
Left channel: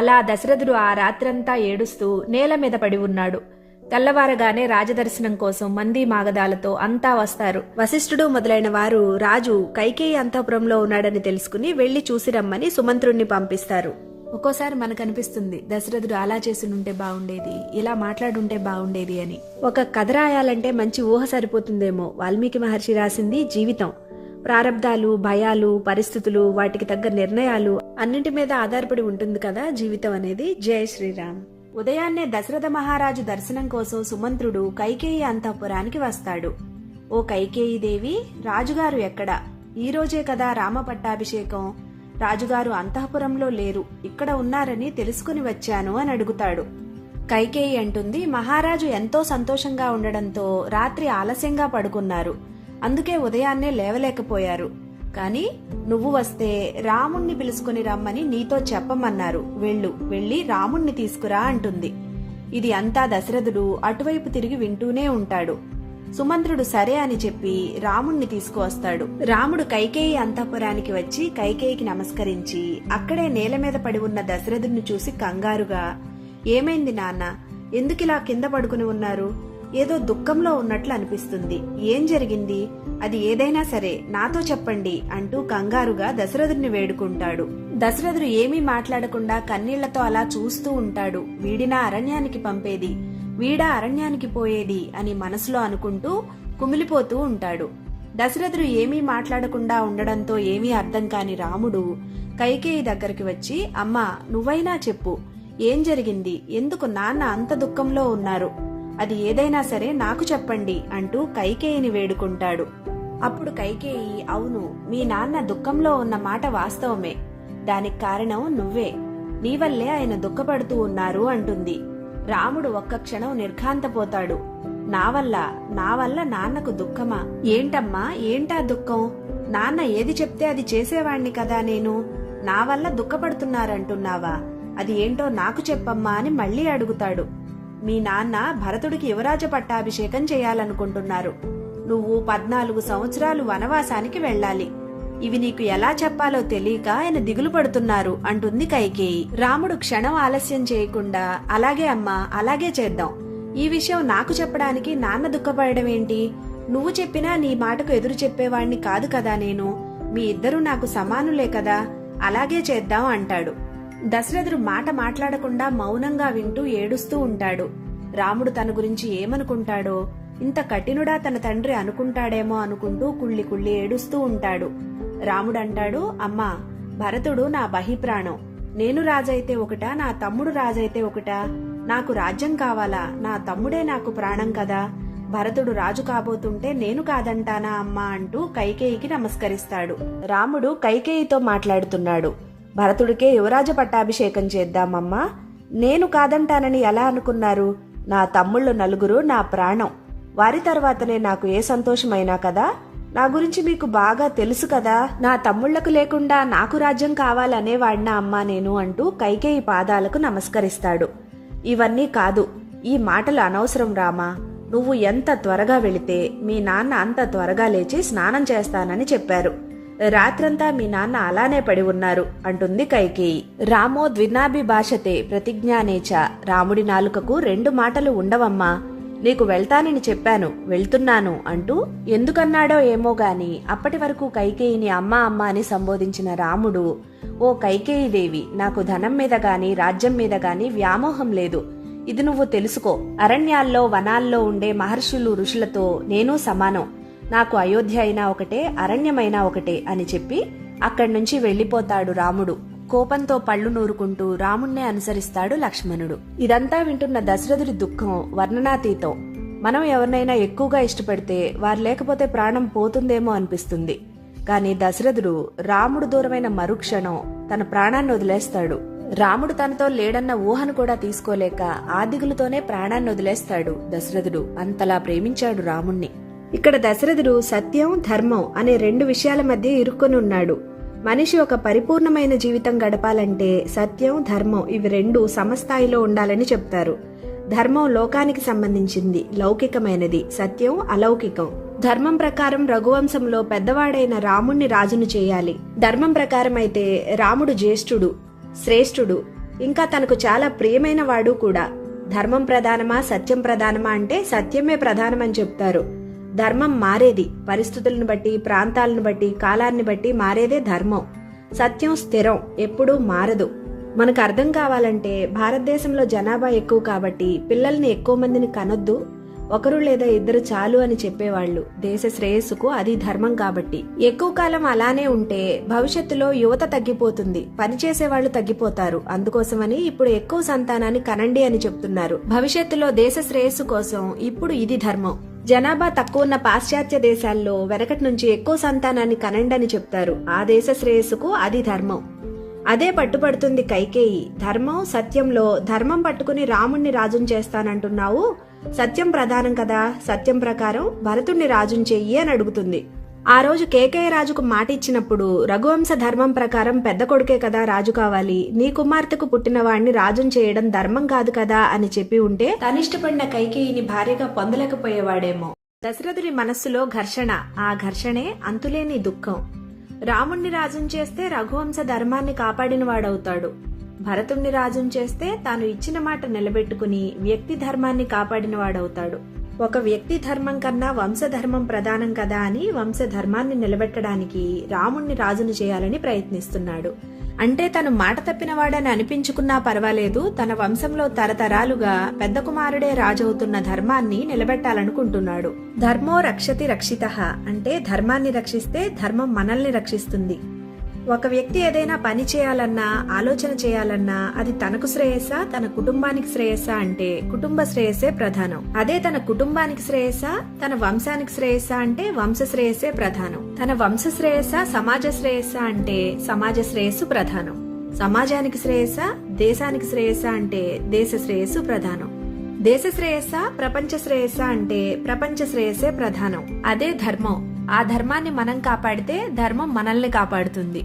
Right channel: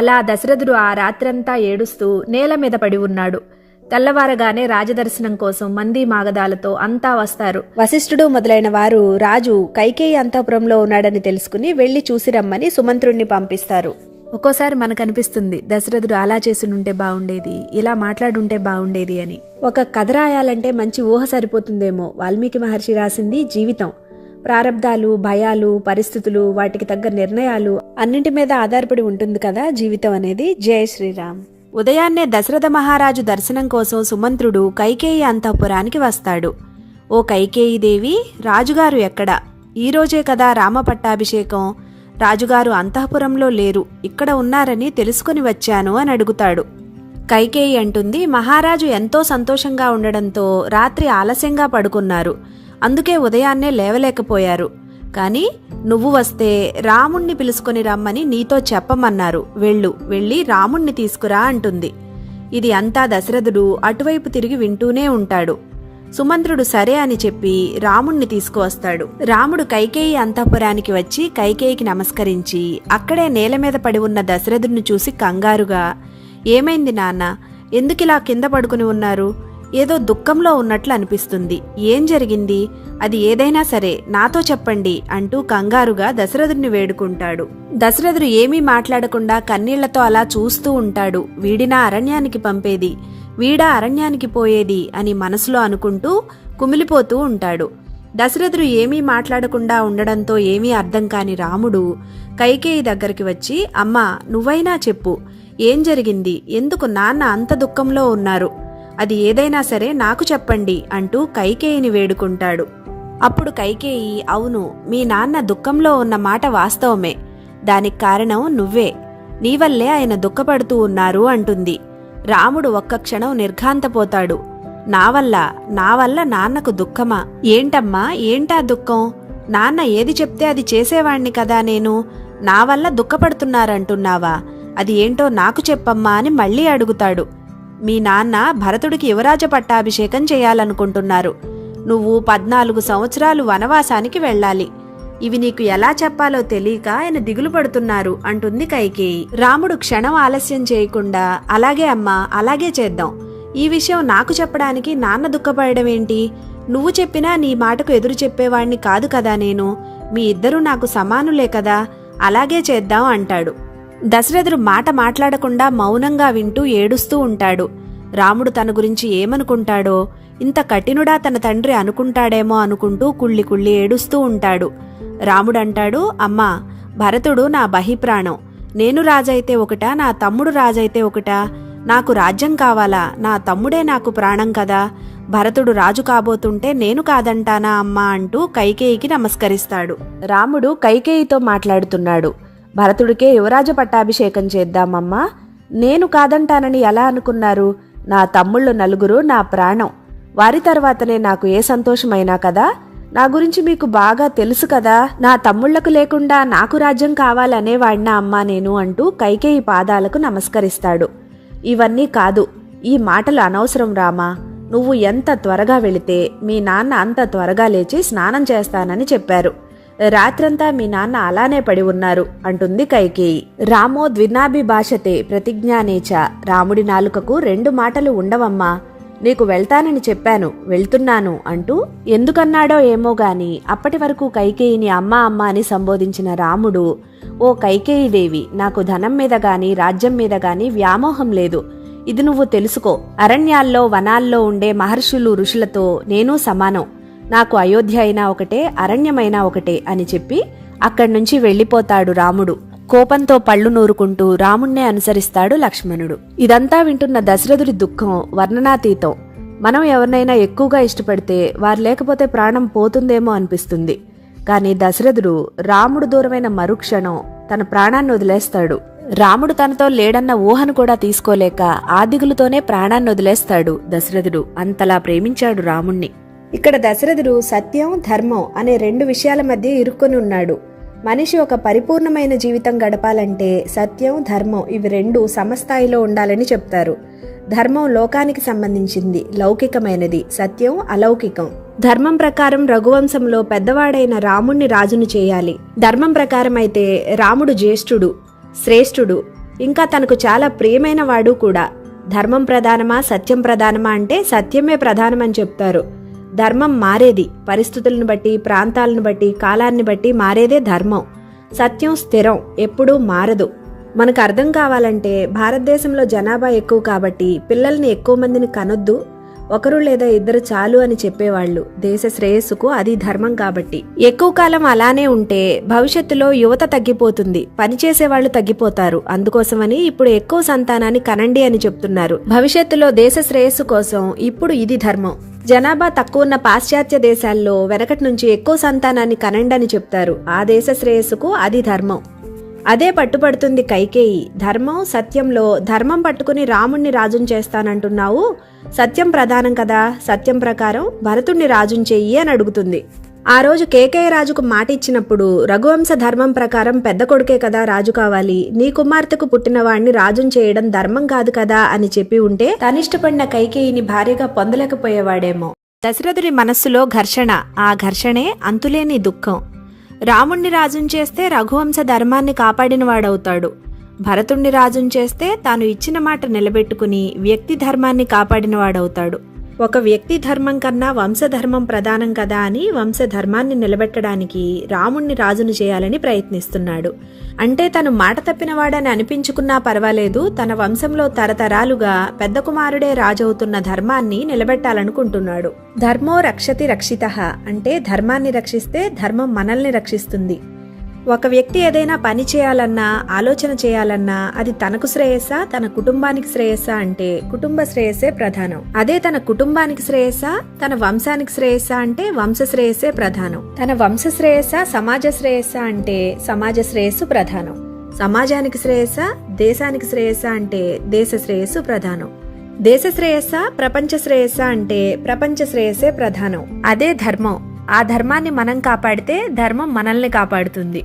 అలా దశరథుడు ఆ రాత్రంతా ఏడుస్తూ నేల మీద పడి ఉన్నాడు. తెల్లవారగానే రాజదర్శనం కోసం మంది మాగదాలతో అంతా వస్తారు. వశిష్ఠుడు మొదలైన వారు రాజు కైకేయి అంతఃపురంలో ఉన్నాడని తెలుసుకుని వెళ్లి చూసి రమ్మని సుమంత్రుణ్ణి పంపిస్తారు. ఒక్కోసారి మనకు అనిపిస్తుంది, దశరథుడు అలా చేసుంటే బాగుండేది, ఇలా మాట్లాడుంటే బాగుండేది అని. ఒక కథ రాయాలంటే మంచి ఊహ సరిపోతుందేమో. వాల్మీకి మహర్షి రాసింది జీవితం. ప్రారబ్ధాలు, భయాలు, పరిస్థితులు, వాటికి తగ్గ నిర్ణయాలు అన్నింటి మీద ఆధారపడి ఉంటుంది కదా జీవితం అనేది. జై శ్రీరామ్. ఉదయాన్నే దశరథ మహారాజు దర్శనం కోసం సుమంత్రుడు కైకేయి అంతఃపురానికి వస్తాడు. ఓ కైకేయి దేవి, రాజుగారు ఎక్కడా? ఈరోజే కదా రామ పట్టాభిషేకం. రాజుగారు అంతఃపురంలో లేరు, ఇక్కడ ఉన్నారని తెలుసుకుని వచ్చాను అని అడుగుతాడు. కైకేయి అంటుంది, మహారాజు ఎంతో సంతోషంగా ఉండడంతో రాత్రి ఆలస్యంగా పడుకున్నారు, అందుకే ఉదయాన్నే లేవలేకపోయారు. కాని నువ్వు వస్తే రాముణ్ణి పిలుచుకొని రమ్మని నీతో చెప్పమన్నారు. వెళ్ళి రాముణ్ణి తీసుకురా అంటుంది. ఇది అంతా దశరథుడు అటువైపు తిరిగి వింటూనే ఉంటాడు. సుమంత్రుడు సరే అని చెప్పి రాముణ్ణి తీసుకువస్తాడు. రాముడు కైకేయి అంతఃపురానికి వచ్చి కైకేయికి నమస్కరించి అక్కడే నేల మీద పడి ఉన్న దశరథుడిని చూసి కంగారుగా, ఏమైంది నాన్న, ఎందుకిలా కింద పడుకుని ఉన్నారు? ఏదో దుఃఖంలో ఉన్నట్లు అనిపిస్తుంది. ఏం జరిగింది? అది ఏదైనా సరే నాతో చెప్పండి అంటూ కంగారుగా దశరథుడిని వేడుకుంటాడు. దశరథుడు ఏమీ మాట్లాడకుండా కన్నీళ్లతో అలా చూస్తూ ఉంటాడు. వీడినా అరణ్యానికి పంపేది, వీడా అరణ్యానికి పోయేది అని మనసులో అనుకుంటూ కుమిలిపోతూ ఉంటాడు. దశరథుడు ఏమీ మాట్లాడకుండా ఉండడంతో ఏమీ అర్థం కాని రాముడు కైకేయి దగ్గరికి వచ్చి, అమ్మా నువ్వైనా చెప్పు, ఏం జరిగింది? ఎందుకు నాన్న అంత దుఃఖంలో ఉన్నారు? అది ఏదైనా సరే నాకు చెప్పండి అంటూ కైకేయిని వేడుకుంటాడు. అప్పుడు కైకేయి, అవును, మీ నాన్న దుఃఖంలో ఉన్న మాట వాస్తవమే, దానికి కారణం నువ్వే, నీ వల్లే ఆయన దుఃఖపడుతూ ఉన్నారు అంటుంది. రాముడు ఒక్క క్షణం నిర్ఘాంతపోతాడు. నా వల్ల నాన్నకు దుఃఖమా? ఏంటమ్మా, ఏంటా దుఃఖం? నాన్న ఏది చెప్తే అది చేసేవాణ్ణి కదా నేను, నా వల్ల దుఃఖపడుతున్నారంటున్నావా? అది ఏంటో నాకు చెప్పమ్మా అని మళ్లీ అడుగుతాడు. మీ నాన్న భరతుడికి యువరాజ పట్టాభిషేకం చేయాలనుకుంటున్నారు. నువ్వు 14 సంవత్సరాలు వనవాసానికి వెళ్ళాలి. ఇవి నీకు ఎలా చెప్పాలో తెలియక ఆయన దిగులు పడుతున్నారు అంటుంది కైకేయి. రాముడు క్షణం ఆలస్యం చేయకుండా, అలాగే అమ్మా, అలాగే చేద్దాం. ఈ విషయం నాకు చెప్పడానికి నాన్న దుఃఖపడడం ఏంటి? నువ్వు చెప్పినా నీ మాటకు ఎదురు చెప్పేవాణ్ణి కాదు కదా నేను, మీ ఇద్దరూ నాకు సమానులే కదా, అలాగే చేద్దాం అంటాడు. దశరథుడు మాట మాట్లాడకుండా మౌనంగా వింటూ ఏడుస్తూ ఉంటాడు. రాముడు తన గురించి ఏమనుకుంటాడో, ఇంత కఠినుడా తన తండ్రి అనుకుంటాడేమో అనుకుంటూ కుళ్ళి కుళ్ళి ఏడుస్తూ ఉంటాడు. రాముడంటాడు, అమ్మా, భరతుడు నా బహిప్రాణం, నేను రాజైతే ఒకటా, నా తమ్ముడు రాజైతే ఒకటా? నాకు రాజ్యం కావాలా? నా తమ్ముడే నాకు ప్రాణం కదా, భరతుడు రాజు కాబోతుంటే నేను కాదంటానా అమ్మా అంటూ కైకేయికి నమస్కరిస్తాడు. రాముడు కైకేయితో మాట్లాడుతున్నాడు. భరతుడికే యువరాజ పట్టాభిషేకం చేద్దామమ్మా, నేను కాదంటానని ఎలా అనుకున్నారు? నా తమ్ముళ్ళు 4 నా ప్రాణం, వారి తర్వాతనే నాకు ఏ సంతోషమైనా కదా. నా గురించి మీకు బాగా తెలుసు కదా, నా తమ్ముళ్లకు లేకుండా నాకు రాజ్యం కావాలనేవాడినా అమ్మా నేను అంటూ కైకేయి పాదాలకు నమస్కరిస్తాడు. ఇవన్నీ కాదు, ఈ మాటలు అనవసరం రామా, నువ్వు ఎంత త్వరగా వెళితే మీ నాన్న అంత త్వరగా లేచి స్నానం చేస్తానని చెప్పారు. రాత్రంతా మీ నాన్న అలానే పడి ఉన్నారు అంటుంది కైకేయి. రామో ద్వినాభిభాషతే ప్రతిజ్ఞానేచ, రాముడి నాలుకకు 2 మాటలు ఉండవమ్మా, నీకు వెళ్తానని చెప్పాను, వెళ్తున్నాను అంటూ ఎందుకన్నాడో ఏమో గాని అప్పటి వరకు కైకేయిని అమ్మా అమ్మ అని సంబోధించిన రాముడు, ఓ కైకేయీదేవి, నాకు ధనం మీద గాని రాజ్యం మీద గాని వ్యామోహం లేదు, ఇది నువ్వు తెలుసుకో. అరణ్యాల్లో వనాల్లో ఉండే మహర్షులు ఋషులతో నేను సమానం, నాకు అయోధ్య అయినా ఒకటే, అరణ్యమైనా ఒకటే అని చెప్పి అక్కడి నుంచి వెళ్లిపోతాడు రాముడు. కోపంతో పళ్ళు నూరుకుంటూ రాముణ్ణే అనుసరిస్తాడు లక్ష్మణుడు. ఇదంతా వింటున్న దశరథుడి దుఃఖం వర్ణనాతీతం. మనం ఎవరినైనా ఎక్కువగా ఇష్టపడితే వారు లేకపోతే ప్రాణం పోతుందేమో అనిపిస్తుంది. కాని దశరథుడు రాముడు దూరమైన మరుక్షణం తన ప్రాణాన్ని వదిలేస్తాడు. రాముడు తనతో లేడన్న ఊహను కూడా తీసుకోలేక ఆ దిగులుతోనే ప్రాణాన్ని వదిలేస్తాడు దశరథుడు. అంతలా ప్రేమించాడు రాముణ్ణి. ఇక్కడ దశరథుడు సత్యం, ధర్మం అనే 2 విషయాల మధ్య ఇరుక్కొని ఉన్నాడు. మనిషి ఒక పరిపూర్ణమైన జీవితం గడపాలంటే సత్యం, ధర్మం ఇవి 2 సమస్థాయిలో ఉండాలని చెప్తారు. ధర్మం లోకానికి సంబంధించింది, లౌకికమైనది. సత్యం అలౌకికం. ధర్మం ప్రకారం రఘువంశంలో పెద్దవాడైన రాముణ్ణి రాజును చేయాలి. ధర్మం ప్రకారం అయితే రాముడు జ్యేష్ఠుడు, శ్రేష్ఠుడు, ఇంకా తనకు చాలా ప్రియమైన వాడు కూడా. ధర్మం ప్రధానమా సత్యం ప్రధానమా అంటే సత్యమే ప్రధానమని చెప్తారు. ధర్మం మారేది, పరిస్థితులను బట్టి, ప్రాంతాలను బట్టి, కాలాన్ని బట్టి మారేదే ధర్మం. సత్యం స్థిరం, ఎప్పుడూ మారదు. మనకు అర్థం కావాలంటే భారతదేశంలో జనాభా ఎక్కువ కాబట్టి పిల్లల్ని ఎక్కువ మందిని కనొద్దు, 1 లేదా 2 చాలు అని చెప్పేవాళ్లు. దేశ శ్రేయస్సుకు అది ధర్మం కాబట్టి. ఎక్కువ కాలం అలానే ఉంటే భవిష్యత్తులో యువత తగ్గిపోతుంది, పనిచేసేవాళ్లు తగ్గిపోతారు. అందుకోసమని ఇప్పుడు ఎక్కువ సంతానాన్ని కనండి అని చెప్తున్నారు. భవిష్యత్తులో దేశ శ్రేయస్సు కోసం ఇప్పుడు ఇది ధర్మం. జనాభా తక్కువ ఉన్న పాశ్చాత్య దేశాల్లో వెనకటి నుంచి ఎక్కువ సంతానాన్ని కనండని చెప్తారు. ఆ దేశ శ్రేయస్సుకు అది ధర్మం. అదే పట్టుపడుతుంది కైకేయి. ధర్మం సత్యంలో ధర్మం పట్టుకుని రాముణ్ణి రాజుని చేస్తానంటున్నావు, సత్యం ప్రధానం కదా, సత్యం ప్రకారం భరతుణ్ణి రాజుని చెయ్యి అని అడుగుతుంది. ఆ రోజు కేకేయ రాజుకు మాట ఇచ్చినప్పుడు రఘువంశ ధర్మం ప్రకారం పెద్ద కొడుకే కదా రాజు కావాలి, నీ కుమార్తెకు పుట్టిన వాణ్ణి రాజుని చేయడం ధర్మం కాదు కదా అని చెప్పి ఉంటే తనిష్టపడిన కైకేయిని భార్యగా పొందలేకపోయేవాడేమో. దశరథుడి మనస్సులో ఘర్షణ, ఆ ఘర్షణే అంతులేని దుఃఖం. రాముణ్ణి రాజుని చేస్తే రఘువంశ ధర్మాన్ని కాపాడినవాడవుతాడు, భరతుణ్ణి రాజుని చేస్తే తాను ఇచ్చిన మాట నిలబెట్టుకుని వ్యక్తి ధర్మాన్ని కాపాడినవాడవుతాడు. ఒక వ్యక్తి ధర్మం కన్నా వంశధర్మం ప్రధానం కదా అని వంశధర్మాన్ని నిలబెట్టడానికి రాముణ్ణి రాజును చేయాలని ప్రయత్నిస్తున్నాడు. అంటే తను మాట తప్పినవాడని అనిపించుకున్నా పర్వాలేదు, తన వంశంలో తరతరాలుగా పెద్ద కుమారుడే రాజవుతున్న ధర్మాన్ని నిలబెట్టాలనుకుంటున్నాడు. ధర్మో రక్షతి రక్షితః అంటే ధర్మాన్ని రక్షిస్తే ధర్మం మనల్ని రక్షిస్తుంది. ఒక వ్యక్తి ఏదైనా పని చేయాలన్నా ఆలోచన చేయాలన్నా అది తనకు శ్రేయస్సా తన కుటుంబానికి శ్రేయస్సా అంటే కుటుంబ శ్రేయస్సే ప్రధానం. అదే తన కుటుంబానికి శ్రేయస్సా తన వంశానికి శ్రేయస్సా అంటే వంశ శ్రేయస్సే ప్రధానం. తన వంశ శ్రేయస్సా సమాజ శ్రేయస్సా అంటే సమాజ శ్రేయస్సు ప్రధానం. సమాజానికి శ్రేయస్సా దేశానికి శ్రేయస్సా అంటే దేశ శ్రేయస్సు ప్రధానం. దేశ శ్రేయస్సా ప్రపంచ శ్రేయస్సా అంటే ప్రపంచ శ్రేయస్సే ప్రధానం. అదే ధర్మం. ఆ ధర్మాన్ని మనం కాపాడితే ధర్మం మనల్ని కాపాడుతుంది.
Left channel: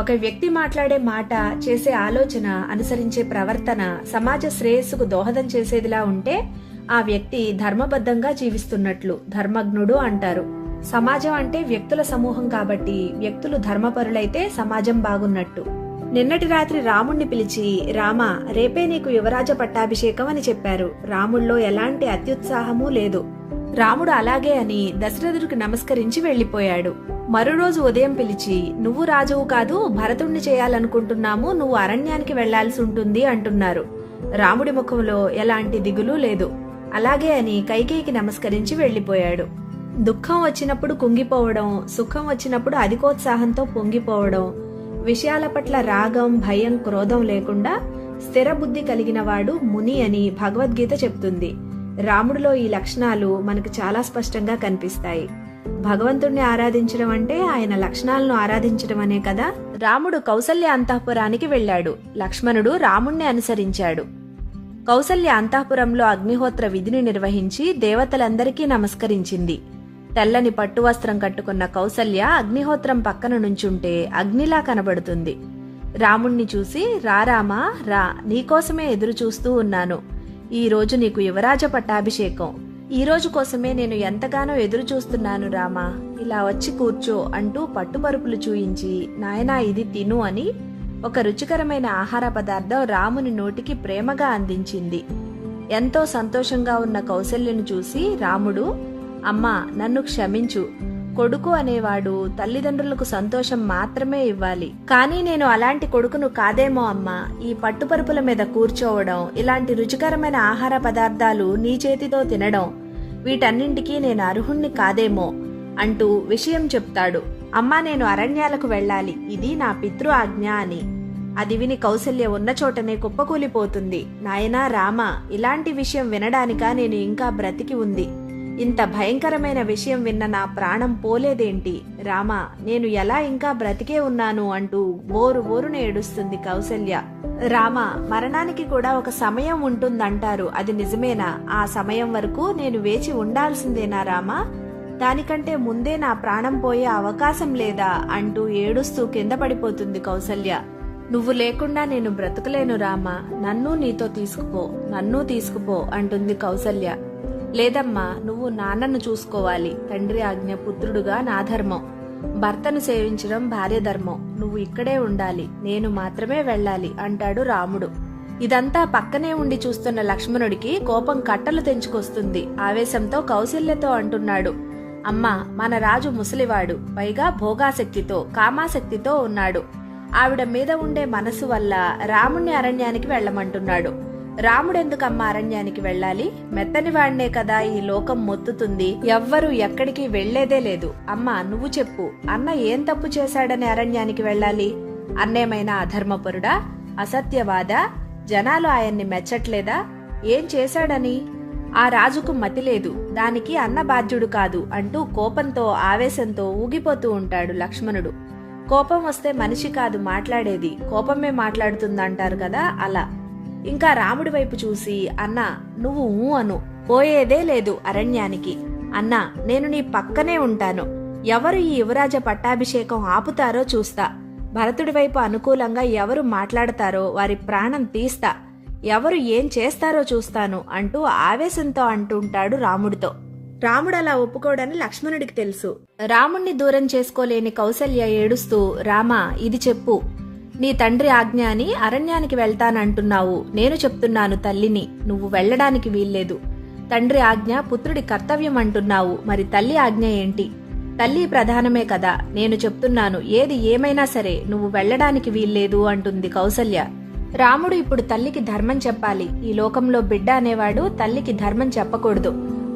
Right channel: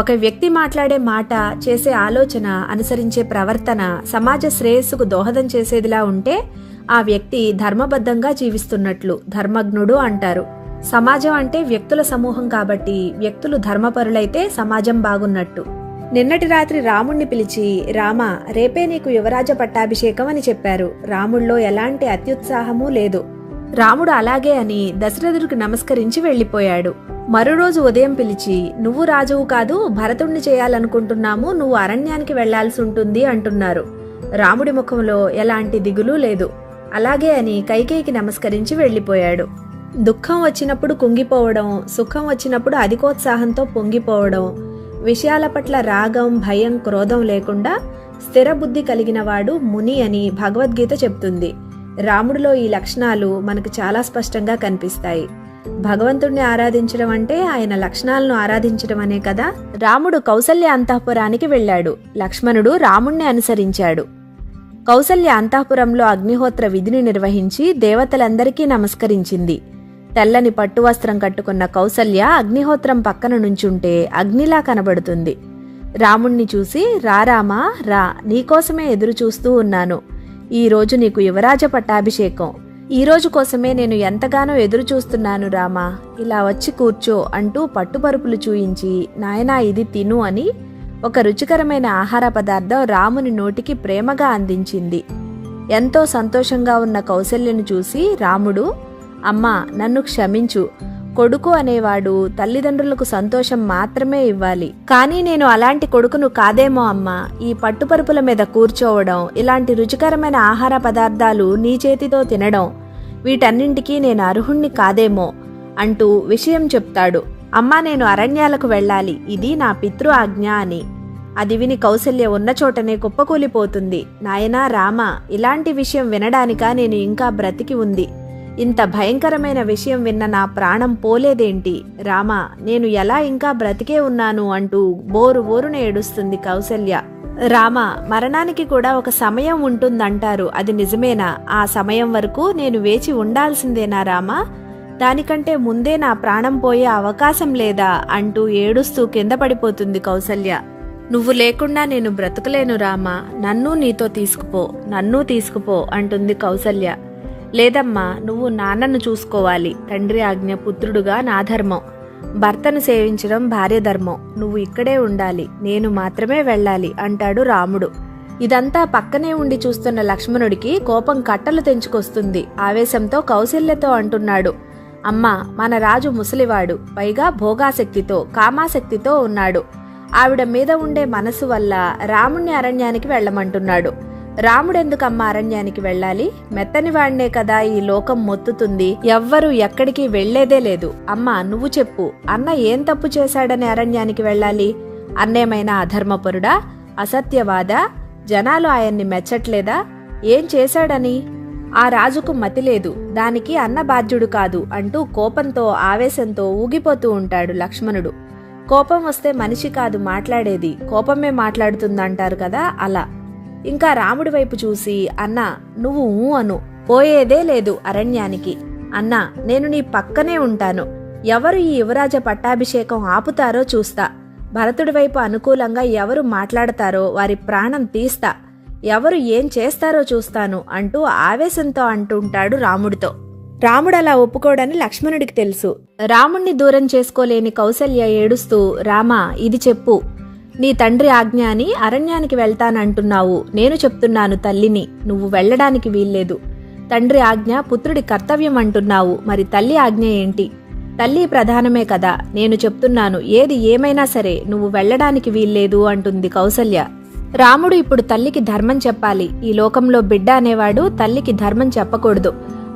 ఒక వ్యక్తి మాట్లాడే మాట, చేసే ఆలోచన, అనుసరించే ప్రవర్తన సమాజ శ్రేయస్సుకు దోహదం చేసేదిలా ఉంటే ఆ వ్యక్తి ధర్మబద్ధంగా జీవిస్తున్నట్లు, ధర్మజ్ఞుడు అంటారు. సమాజం అంటే వ్యక్తుల సమూహం కాబట్టి వ్యక్తులు ధర్మపరులైతే సమాజం బాగున్నట్టు. నిన్నటి రాత్రి రాముణ్ణి పిలిచి, రామా రేపే నీకు యువరాజ పట్టాభిషేకం అని చెప్పారు. రాముడిలో ఎలాంటి అత్యుత్సాహమూ లేదు. రాముడు అలాగే అని దశరథుడికి నమస్కరించి వెళ్లిపోయాడు. మరురోజు ఉదయం పిలిచి, నువ్వు రాజువు కాదు, భరతుణ్ణి చేయాలనుకుంటున్నాము, నువ్వు అరణ్యానికి వెళ్లాల్సి ఉంటుంది అంటున్నారు. రాముడి ముఖంలో ఎలాంటి దిగులు లేదు. అలాగే అని కైకేయికి నమస్కరించి వెళ్లిపోయాడు. దుఃఖం వచ్చినప్పుడు కుంగిపోవడం, సుఖం వచ్చినప్పుడు అధికోత్సాహంతో పొంగిపోవడం, విషయాల పట్ల రాగం, భయం, క్రోధం లేకుండా స్థిర బుద్ధి కలిగిన వాడు ముని అని భగవద్గీత చెప్తుంది. రాముడిలో ఈ లక్షణాలు మనకు చాలా స్పష్టంగా కనిపిస్తాయి. భగవంతుణ్ణి ఆరాధించడం అంటే ఆయన లక్షణాలను ఆరాధించడం అనే కదా. రాముడు కౌసల్య అంతఃపురానికి వెళ్లాడు. లక్ష్మణుడు రాముణ్ణి అనుసరించాడు. కౌసల్య అంతఃపురంలో అగ్నిహోత్ర విధిని నిర్వహించి దేవతలందరికీ నమస్కరించింది. తెల్లని పట్టు వస్త్రం కట్టుకున్న కౌసల్య అగ్నిహోత్రం పక్కన నుంచుంటే అగ్నిలా కనబడుతుంది. రాముణ్ణి చూసి, రారామా రా, నీకోసమే ఎదురు చూస్తూ ఉన్నాను. ఈ రోజు నీకు యువరాజ పట్టాభిషేకం. ఈ రోజు కోసమే నేను ఎంతగానో ఎదురు చూస్తున్నాను రామా, ఇలా వచ్చి కూర్చో అంటూ పట్టుపరుపులు చూయించి, నాయనా ఇది తిను అని ఒక రుచికరమైన ఆహార పదార్థం రాముని నోటికి ప్రేమగా అందించింది. ఎంతో సంతోషంగా ఉన్న కౌసల్యను చూసి రాముడు, అమ్మా నన్ను క్షమించు, కొడుకు అనేవాడు తల్లిదండ్రులకు సంతోషం మాత్రమే ఇవ్వాలి. కానీ నేను అలాంటి కొడుకును కాదేమో అమ్మా. ఈ పట్టుపరుపుల మీద కూర్చోవడం, ఇలాంటి రుచికరమైన ఆహార పదార్థాలు నీ చేతితో తినడం, వీటన్నింటికీ నేను అర్హుణ్ణి కాదేమో అంటూ విషయం చెప్తాడు. అమ్మా నేను అరణ్యాలకు వెళ్ళాలి, ఇది నా పితృ ఆజ్ఞ అని. అది విని కౌసల్య ఉన్న చోటనే కుప్పకూలిపోతుంది. నాయనా రామా, ఇలాంటి విషయం వినడానికా నేను ఇంకా బ్రతికి ఉంది? ఇంత భయంకరమైన విషయం విన్న నా ప్రాణం పోలేదేంటి? రామా నేను ఎలా ఇంకా బ్రతికే ఉన్నాను అంటూ బోరున ఏడుస్తుంది కౌసల్య. రామ, మరణానికి కూడా ఒక సమయం ఉంటుందంటారు, అది నిజమేనా? ఆ సమయం వరకు నేను వేచి ఉండాల్సిందేనా రామా? దానికంటే ముందే నా ప్రాణం పోయే అవకాశం లేదా అంటూ ఏడుస్తూ కింద పడిపోతుంది కౌసల్య. నువ్వు లేకుండా నేను బ్రతకలేను రామా, నన్ను తీసుకుపో అంటుంది కౌసల్య. లేదమ్మా, నువ్వు నాన్నను చూసుకోవాలి. తండ్రి ఆజ్ఞ పుత్రుడుగా నా ధర్మం. భర్తను సేవించడం భార్య ధర్మం. నువ్వు ఇక్కడే ఉండాలి, నేను మాత్రమే వెళ్ళాలి అంటాడు రాముడు. ఇదంతా పక్కనే ఉండి చూస్తున్న లక్ష్మణుడికి కోపం కట్టలు తెంచుకొస్తుంది. ఆవేశంతో కౌసల్యతో అంటున్నాడు, అమ్మా మన రాజు ముసలివాడు, పైగా భోగాసక్తితో కామాసక్తితో ఉన్నాడు. ఆవిడ మీద ఉండే మనసు వల్ల రాముణ్ణి అరణ్యానికి వెళ్లమంటున్నాడు. రాముడెందుకమ్మా అరణ్యానికి వెళ్ళాలి? మెత్తని వాడినే కదా ఈ లోకం మొత్తుతుంది. ఎవ్వరూ ఎక్కడికి వెళ్లేదే లేదు. అమ్మా నువ్వు చెప్పు, అన్న ఏం తప్పు చేశాడని అరణ్యానికి వెళ్ళాలి? అన్నేమైనా అధర్మపరుడా, అసత్యవాదా? జనాలు ఆయన్ని మెచ్చట్లేదా? ఏం చేశాడని? ఆ రాజుకు మతి లేదు, దానికి అన్న బాధ్యుడు కాదు అంటూ కోపంతో ఆవేశంతో ఊగిపోతూ ఉంటాడు లక్ష్మణుడు. కోపం వస్తే మనిషి కాదు మాట్లాడేది, కోపమే మాట్లాడుతుందంటారు కదా, అలా. ఇంకా రాముడి వైపు చూసి, అన్నా నువ్వు అను, పోయేదే లేదు అరణ్యానికి. అన్నా నేను నీ పక్కనే ఉంటాను. ఎవరు ఈ యువరాజ పట్టాభిషేకం ఆపుతారో చూస్తా. భరతుడి వైపు అనుకూలంగా ఎవరు మాట్లాడతారో వారి ప్రాణం తీస్తా. ఎవరు ఏం చేస్తారో చూస్తాను అంటూ ఆవేశంతో అంటుంటాడు రాముడితో. రాముడు అలా ఒప్పుకోడని లక్ష్మణుడికి తెలుసు. రాముణ్ణి దూరం చేసుకోలేని కౌసల్య ఏడుస్తూ, రామా ఇది చెప్పు, నీ తండ్రి ఆజ్ఞ అని అరణ్యానికి వెళ్తానంటున్నావు. నేను చెప్తున్నాను తల్లిని, నువ్వు వెళ్లడానికి వీల్లేదు. తండ్రి ఆజ్ఞ పుత్రుడి కర్తవ్యం అంటున్నావు, మరి తల్లి ఆజ్ఞ ఏంటి? తల్లి ప్రధానమే కదా, నేను చెప్తున్నాను, ఏది ఏమైనా సరే నువ్వు వెళ్ళడానికి వీల్లేదు అంటుంది కౌసల్య. రాముడు ఇప్పుడు తల్లికి ధర్మం చెప్పాలి. ఈ లోకంలో బిడ్డ అనేవాడు తల్లికి ధర్మం చెప్పకూడదు.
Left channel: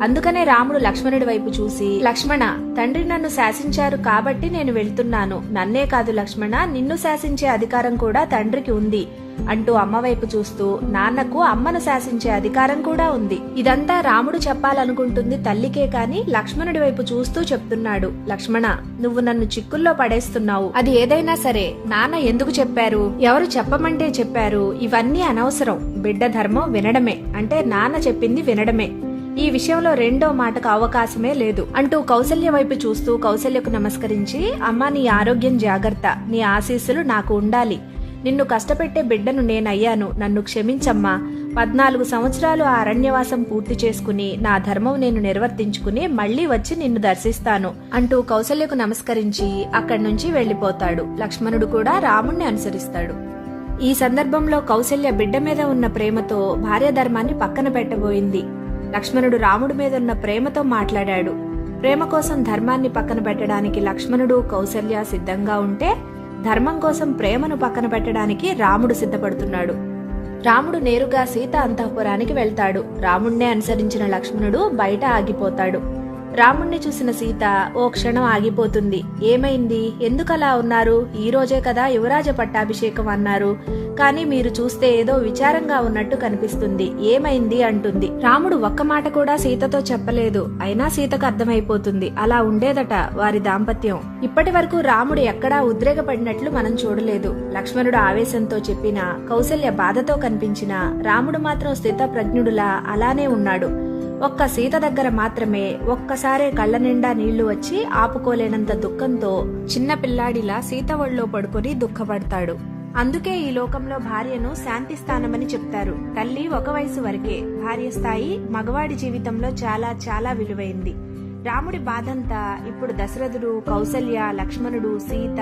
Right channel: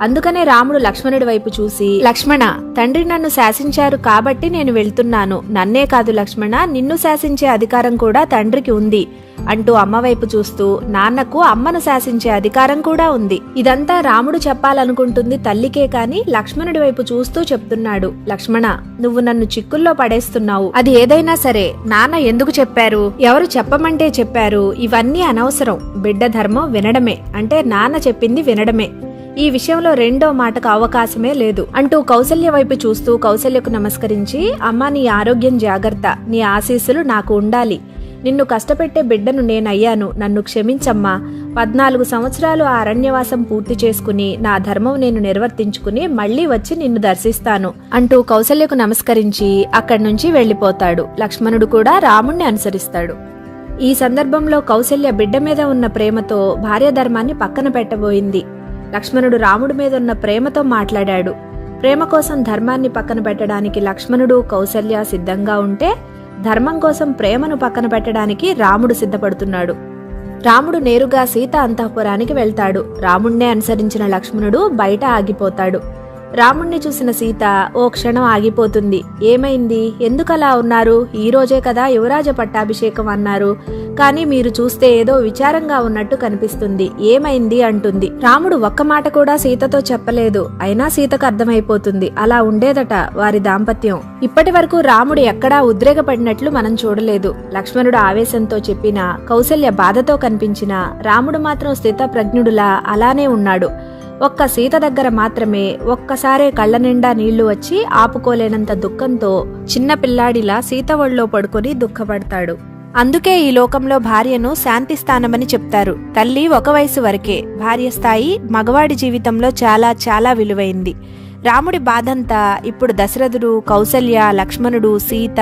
అందుకనే రాముడు లక్ష్మణుడి వైపు చూసి, లక్ష్మణ, తండ్రి నన్ను శాసించారు కాబట్టి నేను వెళ్తున్నాను. నన్నే కాదు లక్ష్మణ, నిన్ను శాసించే అధికారం కూడా తండ్రికి ఉంది అంటూ అమ్మ వైపు చూస్తూ, నాన్నకు అమ్మను శాసించే అధికారం కూడా ఉంది. ఇదంతా రాముడు చెప్పాలనుకుంటుంది తల్లికే కాని లక్ష్మణుడి వైపు చూస్తూ చెప్తున్నాడు. లక్ష్మణ, నువ్వు నన్ను చిక్కుల్లో పడేస్తున్నావు. అది ఏదైనా సరే నాన్న ఎందుకు చెప్పారు, ఎవరు చెప్పమంటే చెప్పారు, ఇవన్నీ అనవసరం. బిడ్డ ధర్మం వినడమే, అంటే నాన్న చెప్పింది వినడమే. ఈ విషయంలో రెండో మాటకు అవకాశమే లేదు అంటూ కౌసల్య వైపు చూస్తూ కౌసల్యకు నమస్కరించి, అమ్మా, నీ ఆరోగ్యం జాగ్రత్త, నీ ఆశీస్సులు నాకు ఉండాలి. నిన్ను కష్టపెట్టే బిడ్డను నేనయ్యాను, నన్ను క్షమించమ్మా. 14 సంవత్సరాలు ఆ అరణ్యవాసం పూర్తి చేసుకుని నా ధర్మం నేను నిర్వర్తించుకుని మళ్లీ వచ్చి నిన్ను దర్శిస్తాను అంటూ కౌసల్యకు నమస్కరించి అక్కడి నుంచి వెళ్లిపోతాడు. లక్ష్మణుడు కూడా రాముణ్ణి అనుసరిస్తాడు. ఈ సందర్భంలో కౌసల్య బిడ్డ మీద ఉన్న ప్రేమతో భార్య ధర్మాన్ని పక్కన పెట్టబోయింది. లక్ష్మణుడు రాముడి మీద ఉన్న ప్రేమతో మాట్లాడాడు. ప్రేమ కోసం ధర్మాన్ని పక్కన పెట్టడానికి లక్ష్మణుడు కౌసల్య సిద్ధంగా ఉంటే, ధర్మం కోసం ప్రేమను పక్కన పెట్టడానికి రాముడు సిద్ధపడుతున్నాడు. రాముడు నేరుగా సీత అంతఃపురానికి వెళ్తాడు. రాముణ్ణే అనుసరించిన లక్ష్మణుడు బయట ఆగిపోతాడు. రాముణ్ణి చూసిన సీత ఓ క్షణం ఆగిపోతుంది. ఏమైంది, ఎందుకలా ఉన్నారు? ఈ రోజే కదా యువరాజ పట్టాభిషేకం అన్నారు, కానీ మీరు చూస్తే ఏదో విచారంగా ఉన్నట్టు కనిపిస్తుంది, ఏమైంది అంటుంది. రాముడు ఒక్క మాట కూడా సీతతో చెప్పలేదు. అయినా సీతకు అర్థమైపోతుంది, అలా ఉండేదట వారి దాంపత్యం. ఇప్పటి వరకు రాముడు ఎక్కడా ఉద్రేకపడినట్లు మనం చూడలేదు. లక్ష్మణుడు ఆవేశంతో చెప్పినా, కౌసల్య బాధతో కనిపించినా, రాముడు మాత్రం స్థితప్రజ్ఞుడులా అలానే ఉన్నాడు. ఒక్క సీత దగ్గర మాత్రమే ఒక్కసారే కళ్ళ నిండా నీళ్లు వచ్చి ఆపుకోలేనంత దుఃఖంతో చిన్న పిల్లాడిలా సీత ఒళ్ళో పడుకొని దుఃఖపడతాడు. అందుకే ఈ లోకంలో భార్యను శాంతి స్థానమని చెప్తారు. తల్లి ఒక వయసు వరకే, భార్య స్థాయి మగవాడి జీవితంలో చాలా చాలా విలువైంది. రాముడి బాధంతా ఇప్పుడు దశరథుడు, కౌసల్య, లక్ష్మణుడు, సీత,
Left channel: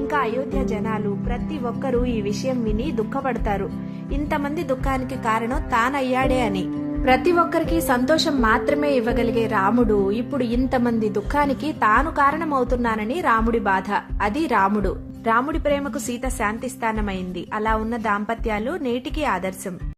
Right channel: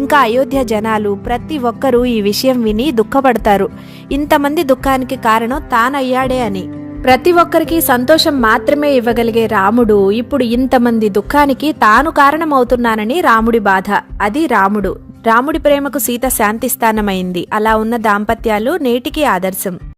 ఇంకా అయోధ్య జనాలు ప్రతి ఒక్కరూ ఈ విషయం విని దుఃఖపడతారు. ఇంతమంది దుఃఖానికి కారణం తానయ్యాడే అని. ప్రతి ఒక్కరికి సంతోషం మాత్రమే ఇవ్వగలిగే రాముడు ఇప్పుడు ఇంతమంది దుఃఖానికి తాను కారణమవుతున్నానని రాముడి బాధ. అది రాముడు. రాముడి ప్రేమకు సీత శాంతిస్థానమైంది. అలా ఉన్న దాంపత్యాలు నేటికి ఆదర్శం.